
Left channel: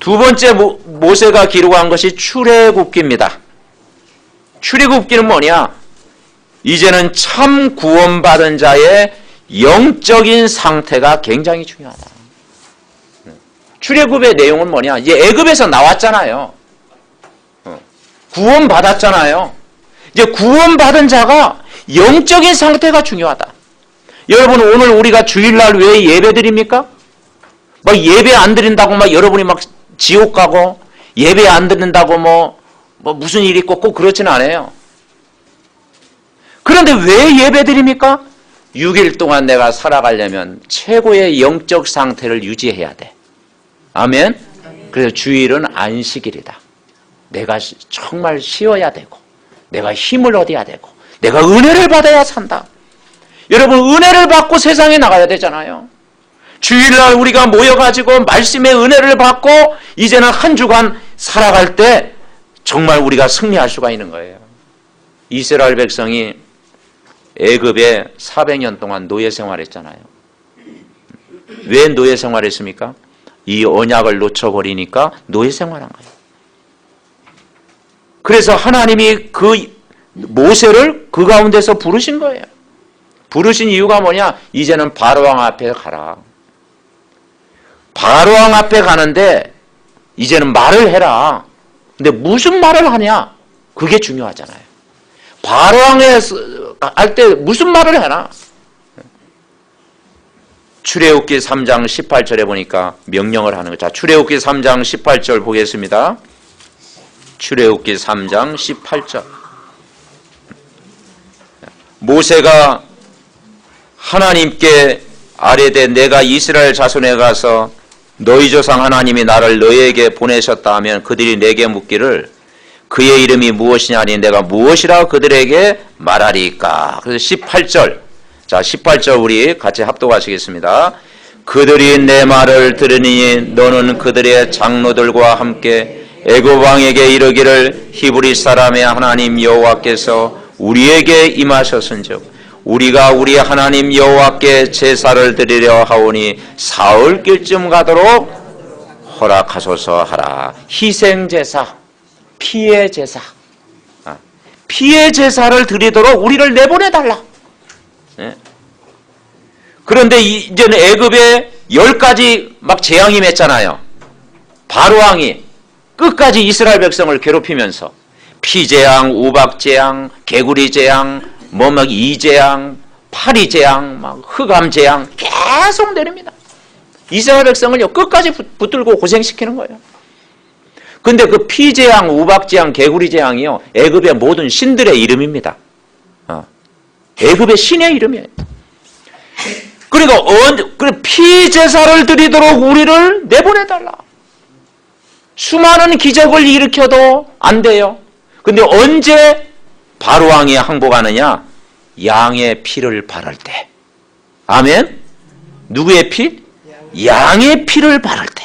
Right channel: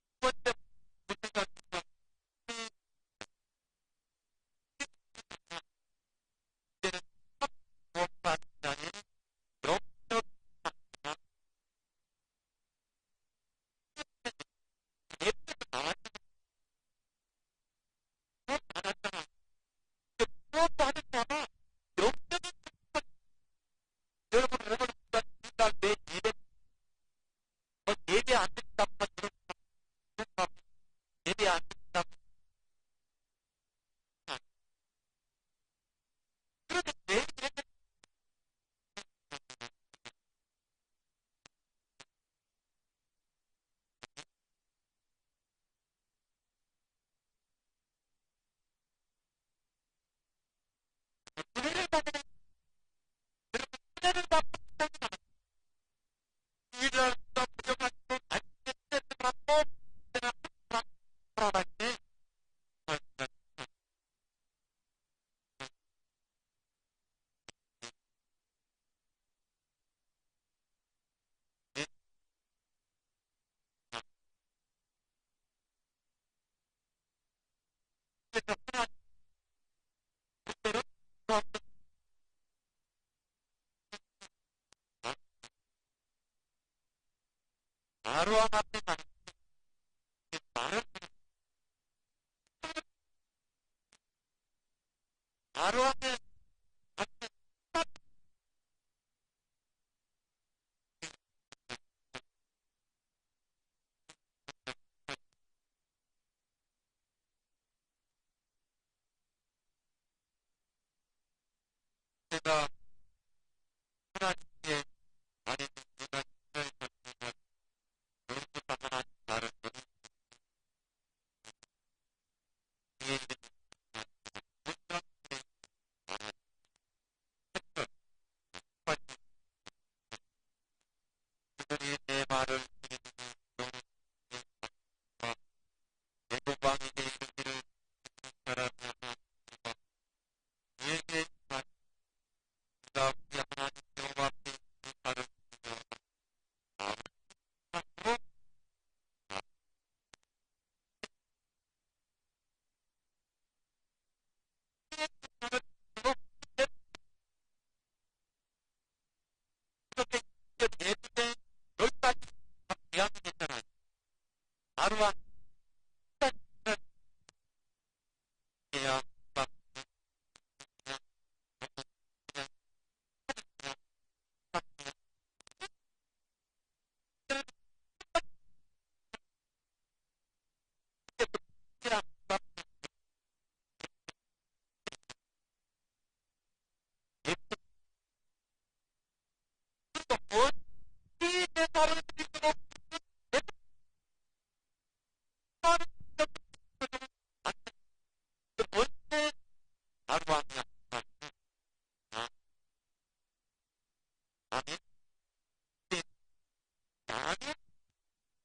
두 번째 모세가 기록한 것이 출애굽기입니다. 출애굽기는 뭐냐? 이제는 참 구원받은 자의 영적인 상태가 굉장히 중요하다. 출애굽의 내용은 뭐냐? 이제 애굽에서 나왔잖아요. 구원받았잖아요. 이제 구원받은 자가 영적인 상태가 중요하다. 여러분, 오늘 우리가 주일날 왜 예배 드립니까? 막 예배 안 드린다고 막 여러분이 막 지옥 가고 예배 안 드린다고 뭐 무슨 일이 있고 꼭 그렇지는 않아요. 그런데 왜 예배 드립니까? 6일 동안 내가 살아가려면 최고의 영적 상태를 유지해야 돼. 아멘? 그래서 주일은 안식일이다. 내가 정말 쉬어야 되고 내가 힘을 얻어야 되고 내가 은혜를 받아야 산다. 여러분, 은혜를 받고 세상에 나가야 되잖아요. 주일날 우리가 모여가지고 말씀의 은혜를 받고 이제는 한 주간 살아갈 때 정말 우리가 승리할 수가 있는 거예요. 이스라엘 백성이 애굽에 400년 동안 노예 생활했잖아요. 왜 노예 생활했습니까? 이 언약을 놓쳐버리니까 노예 생활한 거예요. 그래서 하나님이 그 모세를 그 가운데서 부르신 거예요. 부르신 이유가 뭐냐? 이제는 바로왕 앞에 가라. 바로왕 앞에 가는데 이제는 말을 해라. 근데 무슨 말을 하냐? 그게 중요하잖아요. 바로왕에 할 때 무슨 말을 해라? 출애굽기 3장 18절에 보니까 명령을 하는 거죠. 자, 출애굽기 3장 18절 보겠습니다. 출애굽기 3장 18절. 모세가 하나님께 아뢰되 내가 이스라엘 자손에 가서 너희 조상 하나님이 나를 너희에게 보내셨다 하면 그들이 내게 묻기를 그의 이름이 무엇이냐니 내가 무엇이라 그들에게 말하리까. 그래서 18절. 자, 18절 우리 같이 합독하시겠습니다. 그들이 내 말을 들으니 너는 그들의 장로들과 함께 애굽 왕에게 이르기를 히브리 사람의 하나님 여호와께서 우리에게 임하셨은즉 우리가 우리 하나님 여호와께 제사를 드리려 하오니 사흘길쯤 가도록 허락하소서 하라. 희생제사, 피의 제사, 피의 제사를 드리도록 우리를 내보내달라. 그런데 이제는 애굽에 10가지 막 재앙이 맺잖아요. 바로왕이 끝까지 이스라엘 백성을 괴롭히면서 피재앙, 우박재앙, 개구리재앙, 막 이재앙, 파리재앙, 막 흑암재앙 계속 내립니다. 이스라엘 백성을요 끝까지 붙들고 고생시키는 거예요. 근데 그 피재앙, 우박재앙, 개구리재앙이요 애굽의 모든 신들의 이름입니다. 애굽의 신의 이름이에요. 그러니까 피제사를 드리도록 우리를 내보내달라. 수많은 기적을 일으켜도 안 돼요. 근데 언제 바로왕이 항복하느냐? 양의 피를 바를 때. 아멘? 누구의 피? 양의 피를 바를 때.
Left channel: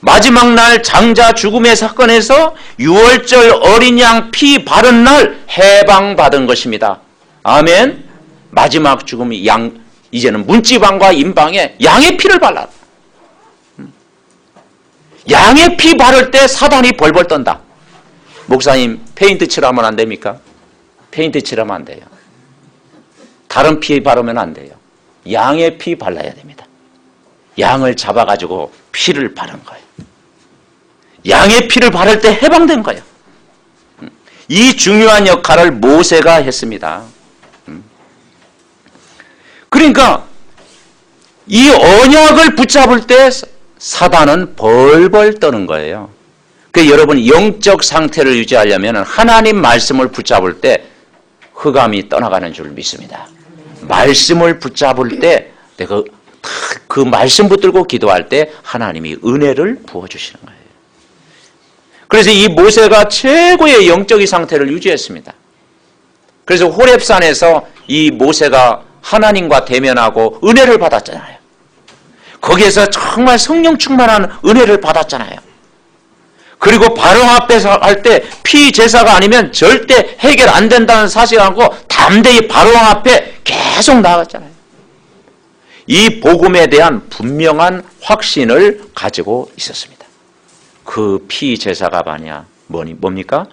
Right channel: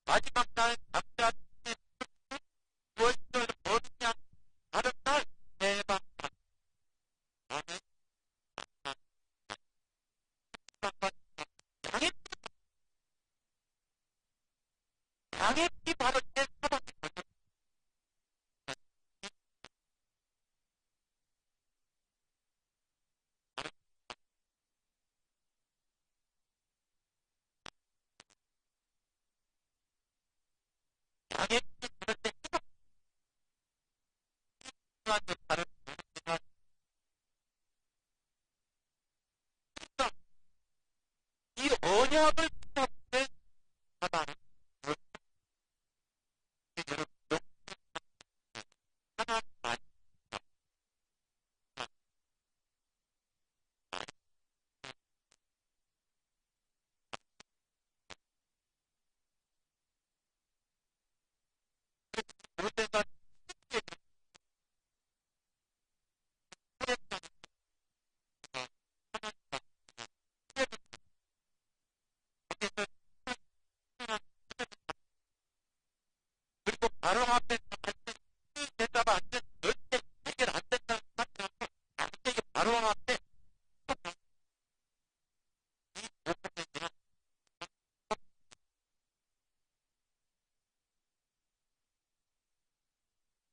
마지막 날 장자 죽음의 사건에서 6월절 어린 양 피 바른 날 해방받은 것입니다. 아멘? 마지막 죽음이 이제는 문지방과 임방에 양의 피를 발라. 양의 피 바를 때 사단이 벌벌 떤다. 목사님, 페인트 칠하면 안 됩니까? 페인트 칠하면 안 돼요. 다른 피 바르면 안 돼요. 양의 피 발라야 됩니다. 양을 잡아가지고 피를 바른 거예요. 양의 피를 바를 때 해방된 거예요. 이 중요한 역할을 모세가 했습니다. 그러니까 이 언약을 붙잡을 때 사단은 벌벌 떠는 거예요. 그래서 여러분 영적 상태를 유지하려면 하나님 말씀을 붙잡을 때 흑암이 떠나가는 줄 믿습니다. 말씀을 붙잡을 때 내가 그 말씀 붙들고 기도할 때 하나님이 은혜를 부어주시는 거예요. 그래서 이 모세가 최고의 영적인 상태를 유지했습니다. 그래서 호렙산에서 이 모세가 하나님과 대면하고 은혜를 받았잖아요. 거기에서 정말 성령 충만한 은혜를 받았잖아요. 그리고 바로 앞에서 할 때 피제사가 아니면 절대 해결 안 된다는 사실을 알고 담대히 바로왕 앞에 계속 나갔잖아요. 이 복음에 대한 분명한 확신을 가지고 있었습니다. 그 피제사가 뭡니까?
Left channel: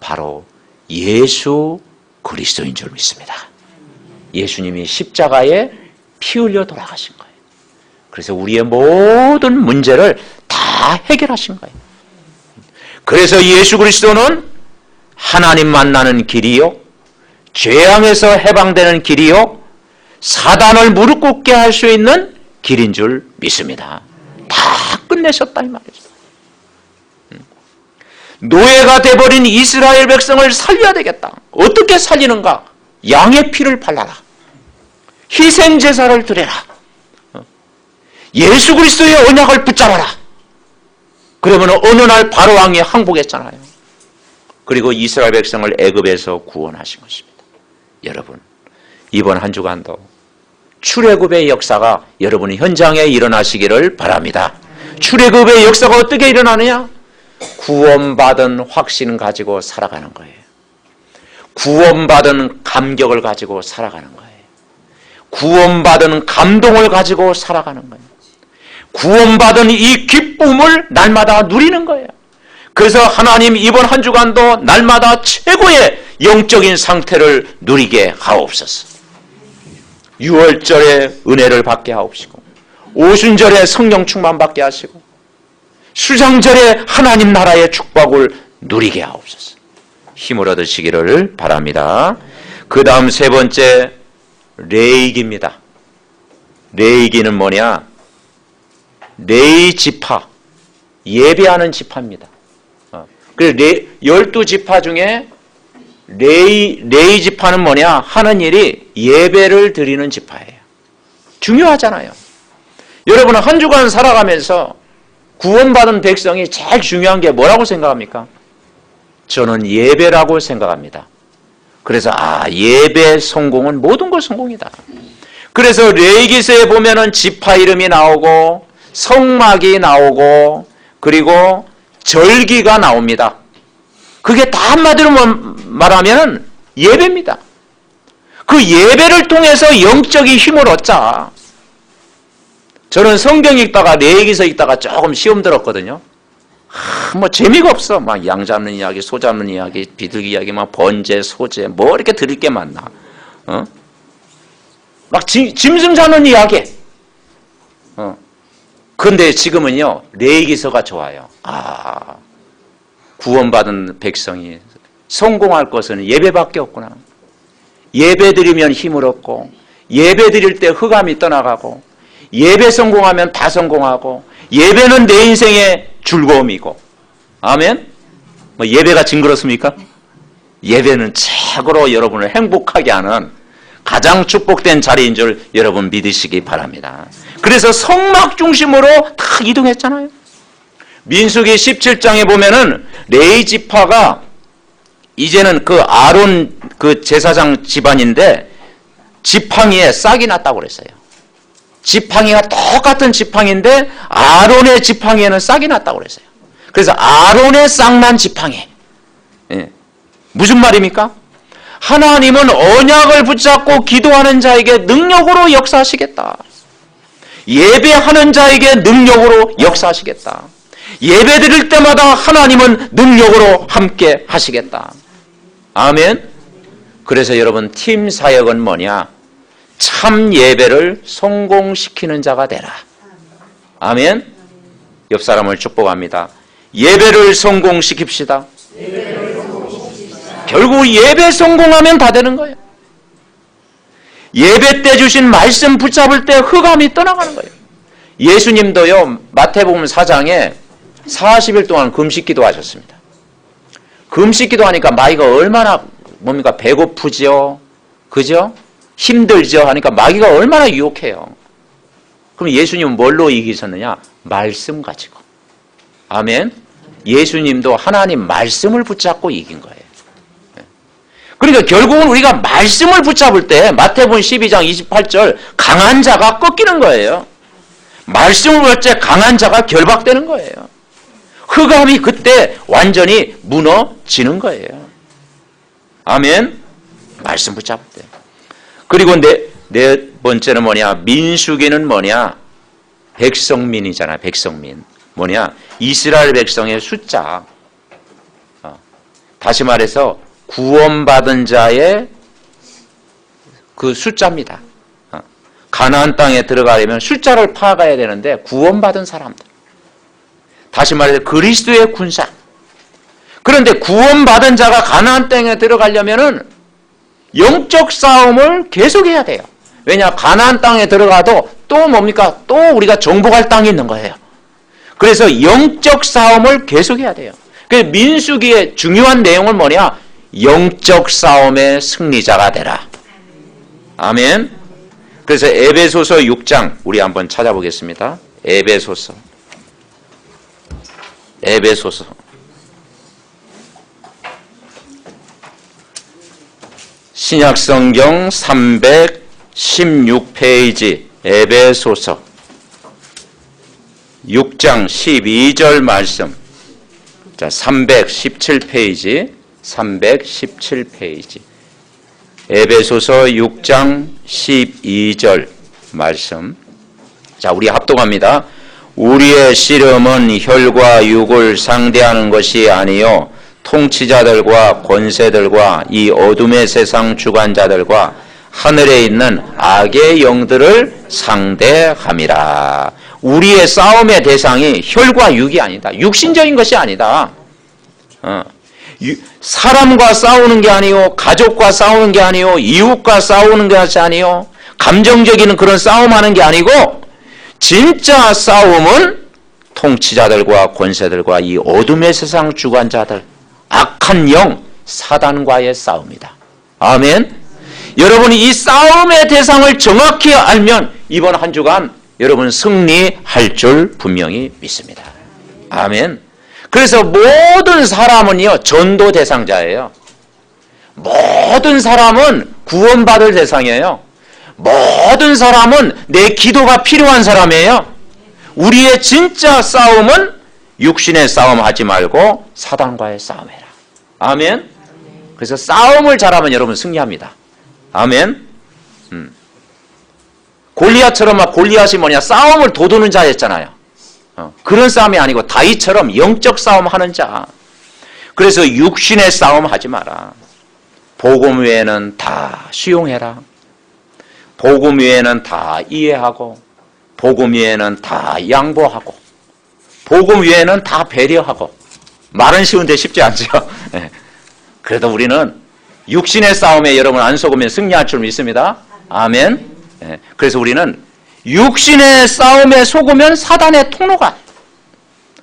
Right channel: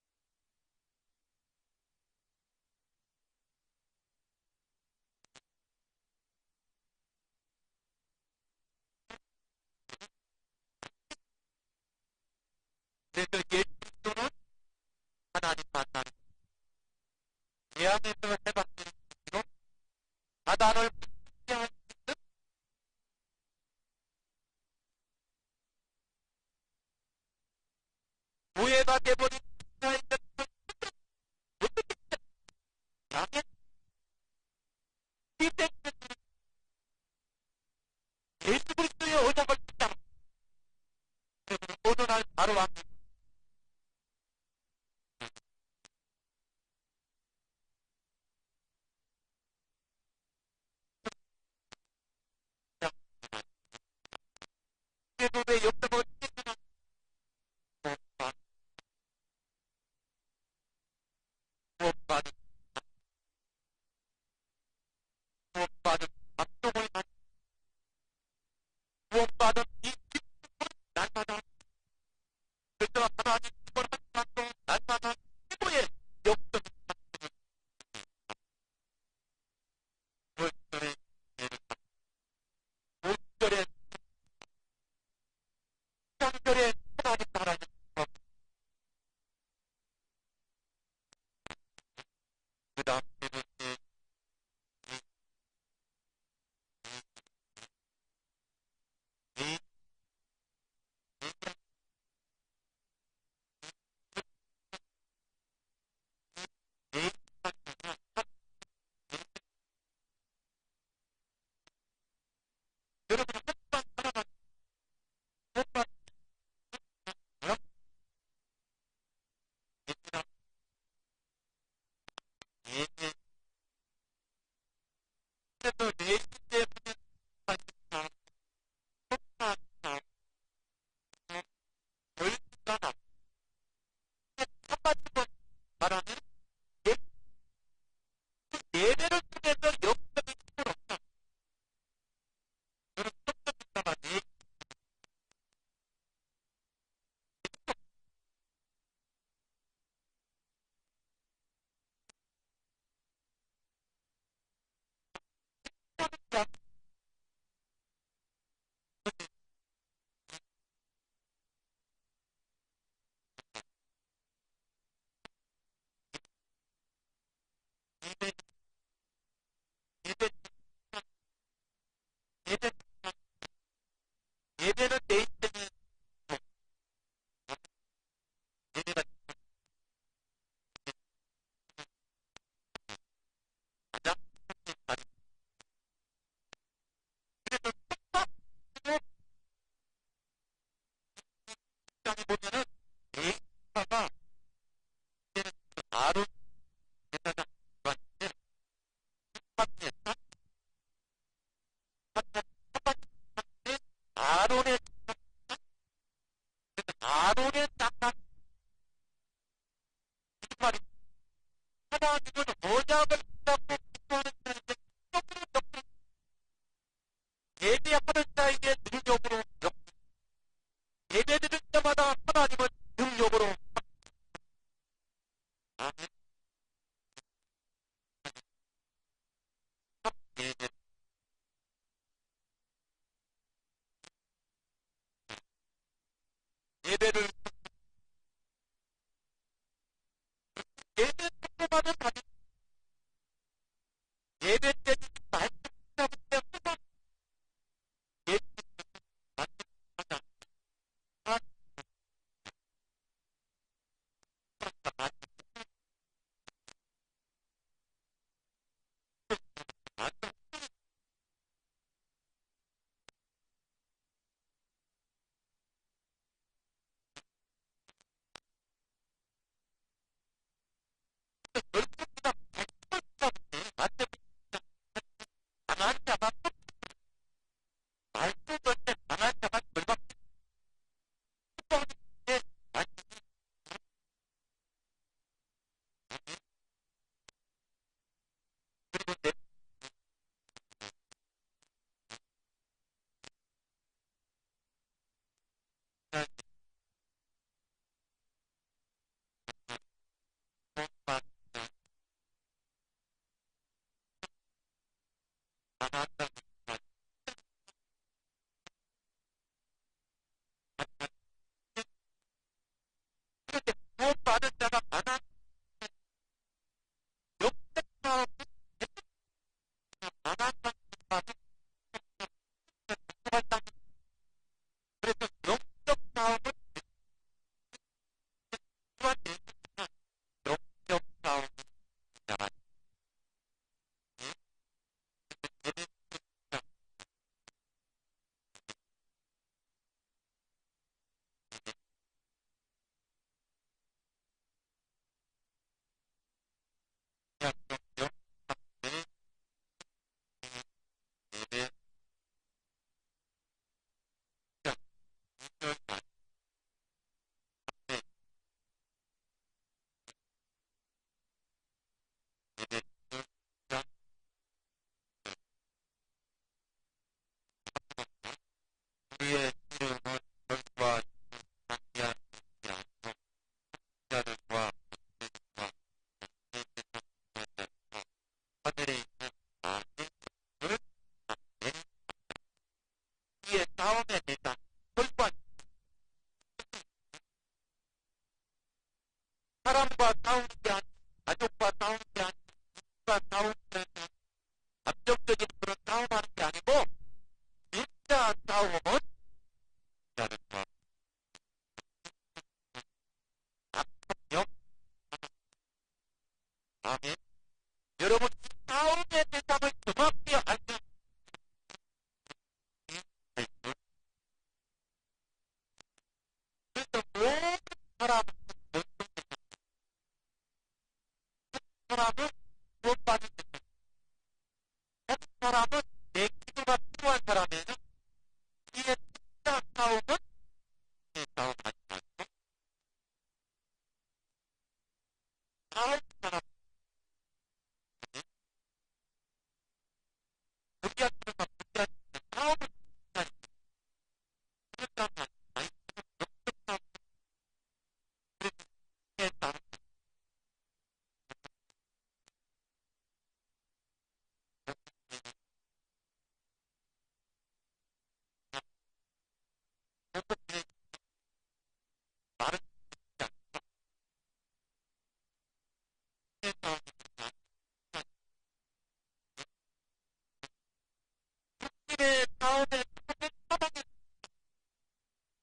바로 예수 그리스도인 줄 믿습니다. 예수님이 십자가에 피 흘려 돌아가신 거예요. 그래서 우리의 모든 문제를 다 해결하신 거예요. 그래서 예수 그리스도는 하나님 만나는 길이요, 죄악에서 해방되는 길이요, 사단을 무릎 꿇게 할 수 있는 길인 줄 믿습니다. 다 끝내셨다 이 말이죠. 노예가 돼버린 이스라엘 백성을 살려야 되겠다. 어떻게 살리는가? 양의 피를 발라라. 희생제사를 드려라. 예수 그리스도의 언약을 붙잡아라. 그러면 어느 날 바로왕이 항복했잖아요. 그리고 이스라엘 백성을 애굽에서 구원하신 것입니다. 여러분, 이번 한 주간도 출애굽의 역사가 여러분의 현장에 일어나시기를 바랍니다. 출애굽의 역사가 어떻게 일어나느냐? 구원받은 확신 가지고 살아가는 거예요. 구원받은 감격을 가지고 살아가는 거예요. 구원받은 감동을 가지고 살아가는 거예요. 구원받은 이 기쁨을 날마다 누리는 거예요. 그래서 하나님 이번 한 주간도 날마다 최고의 영적인 상태를 누리게 하옵소서. 6월절에 은혜를 받게 하옵시고, 오순절에 성령 충만 받게 하시고, 수장절에 하나님 나라의 축복을 누리게 하옵소서. 힘을 얻으시기를 바랍니다. 그 다음 세 번째, 레위기입니다. 레위기는 뭐냐? 레위 지파, 예배하는 지파입니다. 그래서 12지파 중에 레위 지파는 뭐냐? 하는 일이 예배를 드리는 지파예요. 중요하잖아요. 여러분은 한 주간 살아가면서 구원받은 백성이 제일 중요한 게 뭐라고 생각합니까? 저는 예배라고 생각합니다. 그래서 예배 성공은 모든 것 성공이다. 그래서 레위기서에 보면은 지파 이름이 나오고 성막이 나오고 그리고 절기가 나옵니다. 그게 다 한마디로 말하면 예배입니다. 그 예배를 통해서 영적인 힘을 얻자. 저는 성경 읽다가 레위기서 읽다가 조금 시험 들었거든요. 뭐 재미가 없어. 막 양 잡는 이야기, 소 잡는 이야기, 비둘기 이야기, 막 번제, 소제, 뭐 이렇게 들을 게 많나. 막 짐승 잡는 이야기. 근데 지금은요, 레위기서가 좋아요. 구원받은 백성이 성공할 것은 예배밖에 없구나. 예배 드리면 힘을 얻고, 예배 드릴 때 흑암이 떠나가고, 예배 성공하면 다 성공하고, 예배는 내 인생의 즐거움이고. 아멘? 뭐 예배가 징그럽습니까? 예배는 최고로 여러분을 행복하게 하는 가장 축복된 자리인 줄 여러분 믿으시기 바랍니다. 그래서 성막 중심으로 다 이동했잖아요. 민수기 17장에 보면은 레위 지파가 이제는 그 아론 그 제사장 집안인데 지팡이에 싹이 났다고 그랬어요. 지팡이가 똑같은 지팡이인데 아론의 지팡이에는 싹이 났다고 그랬어요. 그래서 아론의 싹난 지팡이. 무슨 말입니까? 하나님은 언약을 붙잡고 기도하는 자에게 능력으로 역사하시겠다. 예배하는 자에게 능력으로 역사하시겠다. 예배 드릴 때마다 하나님은 능력으로 함께 하시겠다. 아멘. 그래서 여러분 팀 사역은 뭐냐? 참 예배를 성공시키는 자가 되라. 아멘. 옆 사람을 축복합니다. 예배를 성공시킵시다. 결국 예배 성공하면 다 되는 거예요. 예배 때 주신 말씀 붙잡을 때 흑암이 떠나가는 거예요. 예수님도요, 마태복음 4장에 40일 동안 금식기도 하셨습니다. 금식기도 하니까 마귀가 얼마나 뭡니까? 배고프죠? 그죠? 힘들죠? 하니까 마귀가 얼마나 유혹해요. 그럼 예수님은 뭘로 이기셨느냐? 말씀 가지고. 아멘. 예수님도 하나님 말씀을 붙잡고 이긴 거예요. 그러니까 결국은 우리가 말씀을 붙잡을 때 마태복음 12장 28절 강한 자가 꺾이는 거예요. 말씀을 볼 때 강한 자가 결박되는 거예요. 흑암이 그때 완전히 무너지는 거예요. 아멘. 말씀 붙잡을 때. 그리고 네 번째는 뭐냐? 민수기는 뭐냐? 백성민이잖아. 백성민. 뭐냐? 이스라엘 백성의 숫자. 다시 말해서 구원받은 자의 그 숫자입니다. 가나안 땅에 들어가려면 숫자를 파악해야 되는데 구원받은 사람들. 다시 말해서 그리스도의 군사. 그런데 구원받은 자가 가나안 땅에 들어가려면은 영적 싸움을 계속해야 돼요. 왜냐? 가나안 땅에 들어가도 또 뭡니까? 또 우리가 정복할 땅이 있는 거예요. 그래서 영적 싸움을 계속해야 돼요. 그래서 민수기의 중요한 내용은 뭐냐? 영적 싸움의 승리자가 되라. 아멘. 그래서 에베소서 6장 우리 한번 찾아보겠습니다. 에베소서 신약성경 316페이지 에베소서 6장 12절 말씀. 자, 317페이지 에베소서 6장 12절 말씀. 자, 우리 합독합니다. 우리의 씨름은 혈과 육을 상대하는 것이 아니요 통치자들과 권세들과 이 어둠의 세상 주관자들과 하늘에 있는 악의 영들을 상대함이라. 우리의 싸움의 대상이 혈과 육이 아니다. 육신적인 것이 아니다. 사람과 싸우는 게 아니요, 가족과 싸우는 게 아니요, 이웃과 싸우는 것이 아니요, 감정적인 그런 싸움하는 게 아니고 진짜 싸움은 통치자들과 권세들과 이 어둠의 세상 주관자들, 악한 영 사단과의 싸움이다. 아멘. 여러분이 이 싸움의 대상을 정확히 알면 이번 한 주간 여러분 승리할 줄 분명히 믿습니다. 아멘. 그래서 모든 사람은요 전도 대상자예요. 모든 사람은 구원받을 대상이에요. 모든 사람은 내 기도가 필요한 사람이에요. 우리의 진짜 싸움은 육신의 싸움 하지 말고 사단과의 싸움해라. 아멘. 그래서 싸움을 잘하면 여러분 승리합니다. 아멘. 골리앗처럼 막 골리앗이 뭐냐 싸움을 도두는 자였잖아요. 그런 싸움이 아니고 다윗처럼 영적 싸움 하는 자. 그래서 육신의 싸움 하지 마라. 복음 외에는 다 수용해라. 복음 외에는 다 이해하고 복음 외에는 다 양보하고 복음 외에는 다 배려하고. 말은 쉬운데 쉽지 않죠. 그래도 우리는 육신의 싸움에 여러분 안 속으면 승리할 줄 믿습니다. 아멘. 그래서 우리는 육신의 싸움에 속으면 사단의 통로가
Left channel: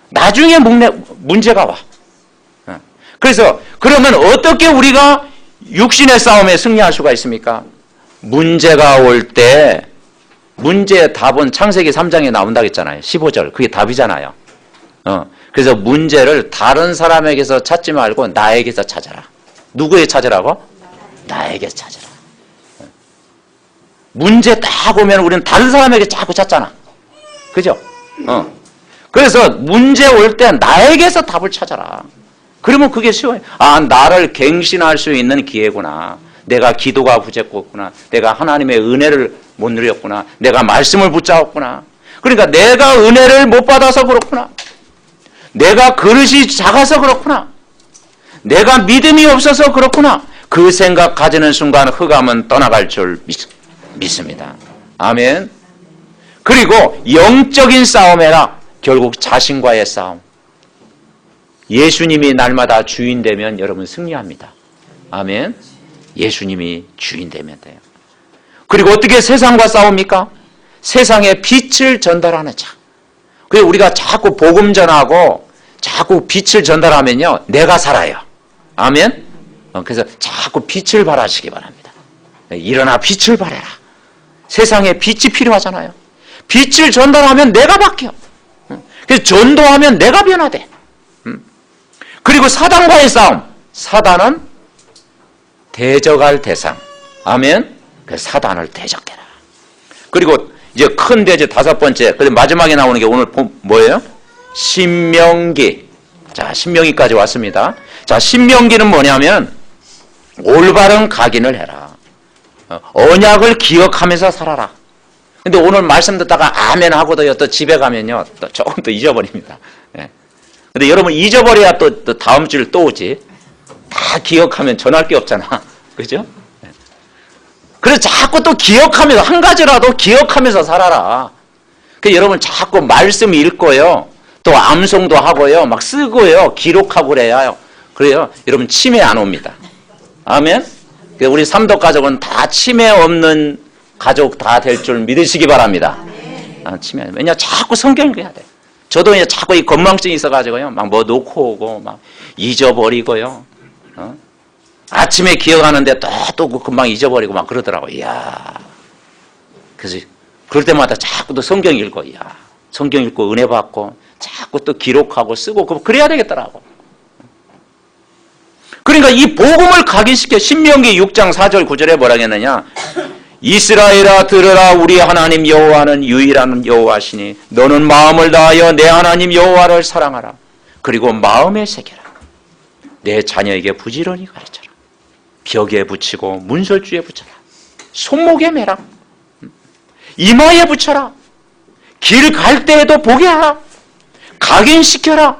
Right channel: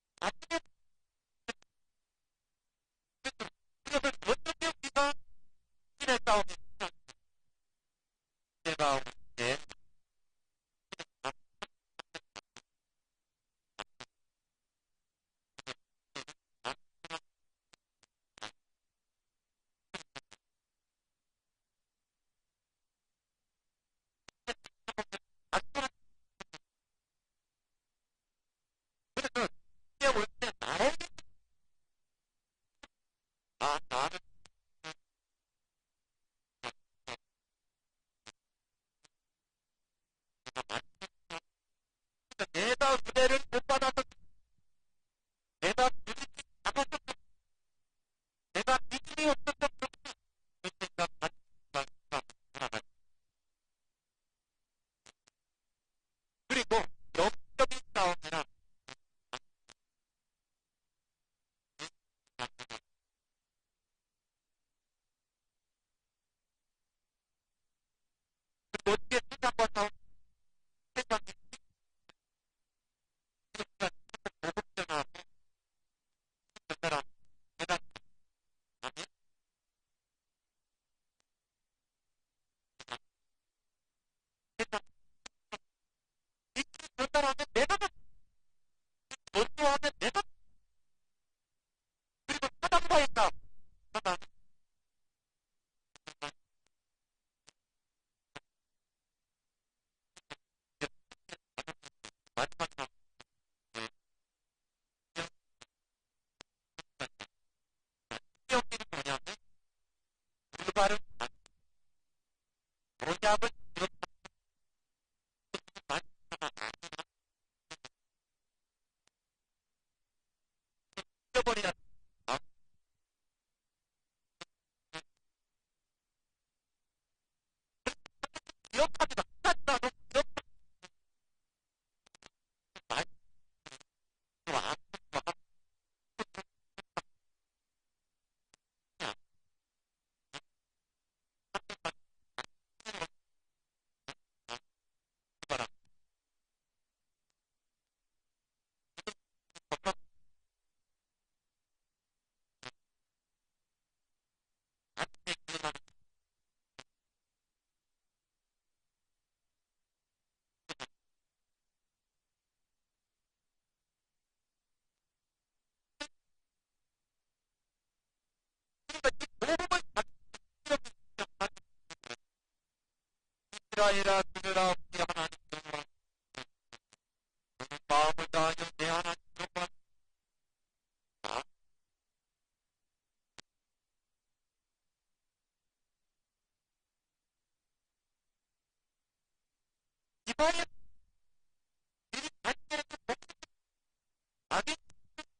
나중에 문제가 와. 그래서 그러면 어떻게 우리가 육신의 싸움에 승리할 수가 있습니까? 문제가 올 때 문제의 답은 창세기 3장에 나온다고 했잖아요. 15절. 그게 답이잖아요. 그래서 문제를 다른 사람에게서 찾지 말고 나에게서 찾아라. 누구에 찾으라고? 나에게 찾으라. 문제 딱 오면 우리는 다른 사람에게 자꾸 찾잖아. 그죠? 그래서 문제 올 때 나에게서 답을 찾아라. 그러면 그게 쉬워요. 아, 나를 갱신할 수 있는 기회구나. 내가 기도가 부족했구나. 내가 하나님의 은혜를 못 누렸구나. 내가 말씀을 붙잡았구나. 그러니까 내가 은혜를 못 받아서 그렇구나. 내가 그릇이 작아서 그렇구나. 내가 믿음이 없어서 그렇구나. 그 생각 가지는 순간 흑암은 떠나갈 줄 믿습니다. 아멘. 그리고 영적인 싸움에라. 결국 자신과의 싸움. 예수님이 날마다 주인 되면 여러분 승리합니다. 아멘. 예수님이 주인 되면 돼요. 그리고 어떻게 세상과 싸웁니까? 세상에 빛을 전달하는 자. 그래서 우리가 자꾸 복음 전하고 자꾸 빛을 전달하면요 내가 살아요. 아멘. 그래서 자꾸 빛을 발하시기 바랍니다. 일어나 빛을 발해라. 세상에 빛이 필요하잖아요. 빛을 전달하면 내가 바뀌어. 그래서 전도하면 내가 변화돼. 그리고 사단과의 싸움. 사단은 대적할 대상. 아멘. 그 사단을 대적해라. 그리고 이제 큰 대제 5번째. 근데 마지막에 나오는 게 오늘 뭐예요? 신명기. 자, 신명기까지 왔습니다. 자, 신명기는 뭐냐면 올바른 각인을 해라. 언약을 기억하면서 살아라. 근데 오늘 말씀 듣다가 아멘 하고도요, 또 집에 가면요, 또 조금 더 잊어버립니다. 예. 근데 여러분 잊어버려야 또 다음 주일 또 오지. 다 기억하면 전할 게 없잖아. 그죠? 예. 그래서 자꾸 또 기억하면서, 한 가지라도 기억하면서 살아라. 그 여러분 자꾸 말씀 읽고요, 또 암송도 하고요, 막 쓰고요, 기록하고 그래요. 그래요. 여러분 치매 안 옵니다. 아멘? 우리 삼덕 가족은 다 치매 없는 가족 다 될 줄 믿으시기 바랍니다. 치매. 왜냐, 자꾸 성경 읽어야 돼. 저도 이제 자꾸 이 건망증이 있어가지고요, 막 뭐 놓고 오고, 막 잊어버리고요. 아침에 기억하는데 또 금방 잊어버리고 막 그러더라고요. 이야. 그래서 그럴 때마다 자꾸 또 성경 읽고, 이야. 성경 읽고 은혜 받고, 자꾸 또 기록하고 쓰고, 그래야 되겠더라고. 그러니까 이 복음을 각인시켜 신명기 6장 4절 9절에 뭐라 했느냐? 이스라엘아 들으라, 우리 하나님 여호와는 유일한 여호와시니 너는 마음을 다하여 내 하나님 여호와를 사랑하라. 그리고 마음에 새겨라. 내 자녀에게 부지런히 가르쳐라. 벽에 붙이고 문설주에 붙여라. 손목에 매라. 이마에 붙여라. 길 갈 때에도 보게 하라. 각인시켜라.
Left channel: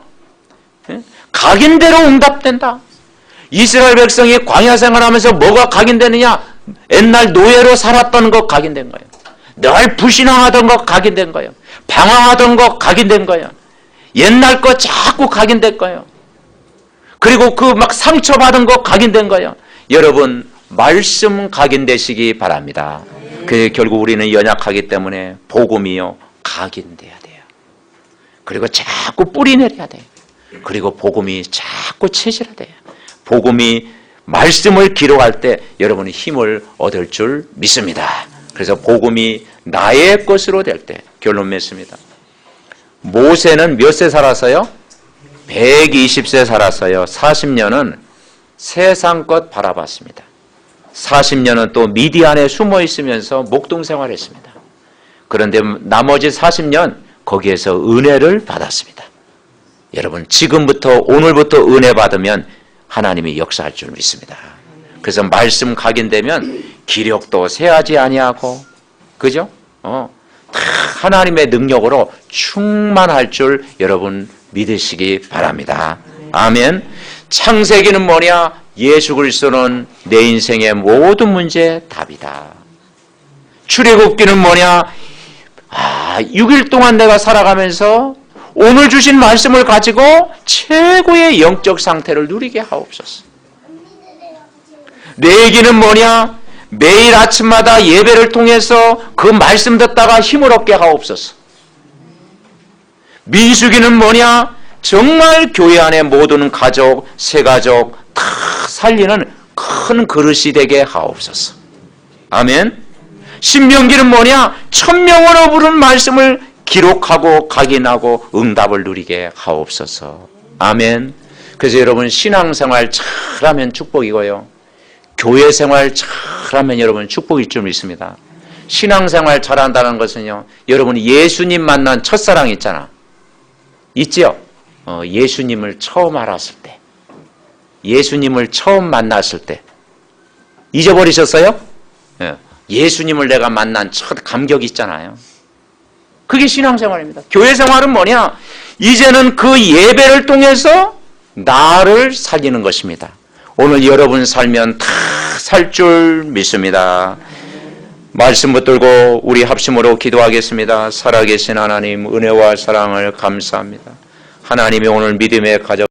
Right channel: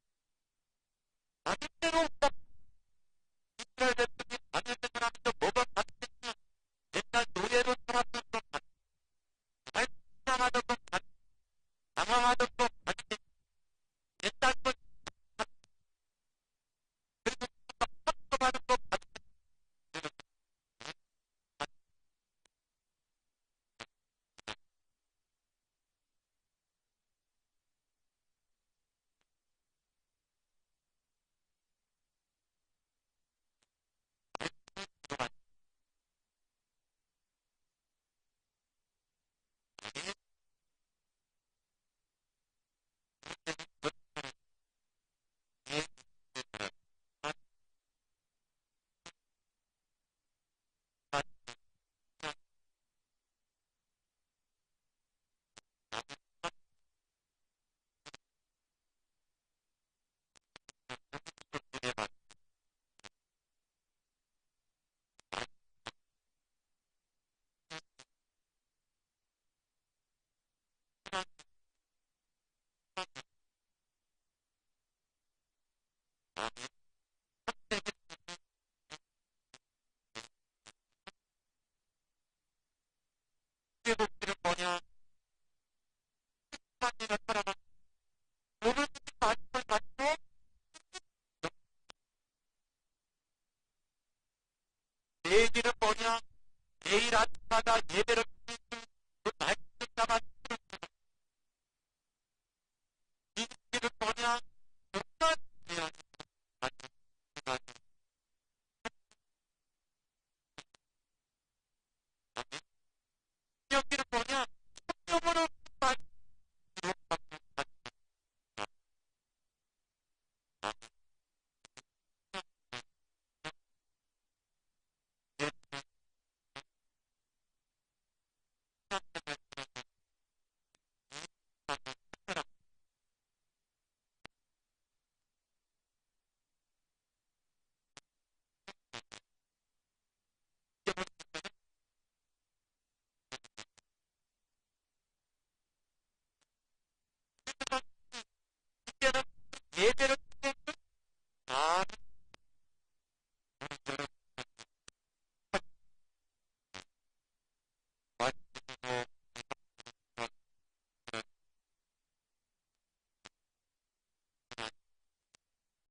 각인대로 응답된다. 이스라엘 백성이 광야 생활하면서 뭐가 각인되느냐? 옛날 노예로 살았던 것 각인된 거예요. 늘 불신앙하던 것 각인된 거예요. 방황하던 것 각인된 거예요. 옛날 것 자꾸 각인된 거예요. 그리고 그 막 상처받은 것 각인된 거예요. 여러분 말씀 각인되시기 바랍니다. 그 결국 우리는 연약하기 때문에 복음이요 각인돼야 돼요. 그리고 자꾸 뿌리 내려야 돼요. 그리고 복음이 자꾸 체질화 돼요. 복음이 말씀을 기록할 때 여러분이 힘을 얻을 줄 믿습니다. 그래서 복음이 나의 것으로 될 때 결론 맺습니다. 모세는 몇 세 살았어요? 120세 살았어요. 40년은 세상 것 바라봤습니다. 40년은 또 미디안에 숨어 있으면서 목동 생활했습니다. 그런데 나머지 40년 거기에서 은혜를 받았습니다. 여러분 지금부터 오늘부터 은혜 받으면 하나님이 역사할 줄 믿습니다. 그래서 말씀 각인되면 기력도 세하지 아니하고, 그죠? 다 하나님의 능력으로 충만할 줄 여러분 믿으시기 바랍니다. 아멘. 창세기는 뭐냐? 예수 그리스도는 내 인생의 모든 문제의 답이다. 출애굽기는 뭐냐? 6일 동안 내가 살아가면서 오늘 주신 말씀을 가지고 최고의 영적 상태를 누리게 하옵소서. 레위기는 뭐냐? 매일 아침마다 예배를 통해서 그 말씀 듣다가 힘을 얻게 하옵소서. 민수기는 뭐냐? 정말 교회 안에 모든 가족, 새가족 다 살리는 큰 그릇이 되게 하옵소서. 아멘. 신명기는 뭐냐? 1000명으로 부른 말씀을 기록하고 각인하고 응답을 누리게 하옵소서. 아멘. 그래서 여러분 신앙생활 잘하면 축복이고요. 교회생활 잘하면 여러분 축복일 줄 믿습니다. 신앙생활 잘한다는 것은요, 여러분이 예수님 만난 첫사랑 있잖아. 있지요? 예수님을 처음 알았을 때, 예수님을 처음 만났을 때 잊어버리셨어요? 예수님을 내가 만난 첫 감격이 있잖아요. 그게 신앙생활입니다. 교회생활은 뭐냐? 이제는 그 예배를 통해서 나를 살리는 것입니다. 오늘 여러분 살면 다 살 줄 믿습니다. 말씀 붙들고 우리 합심으로 기도하겠습니다. 살아계신 하나님, 은혜와 사랑을 감사합니다. 하나님이 오늘 믿음의 가정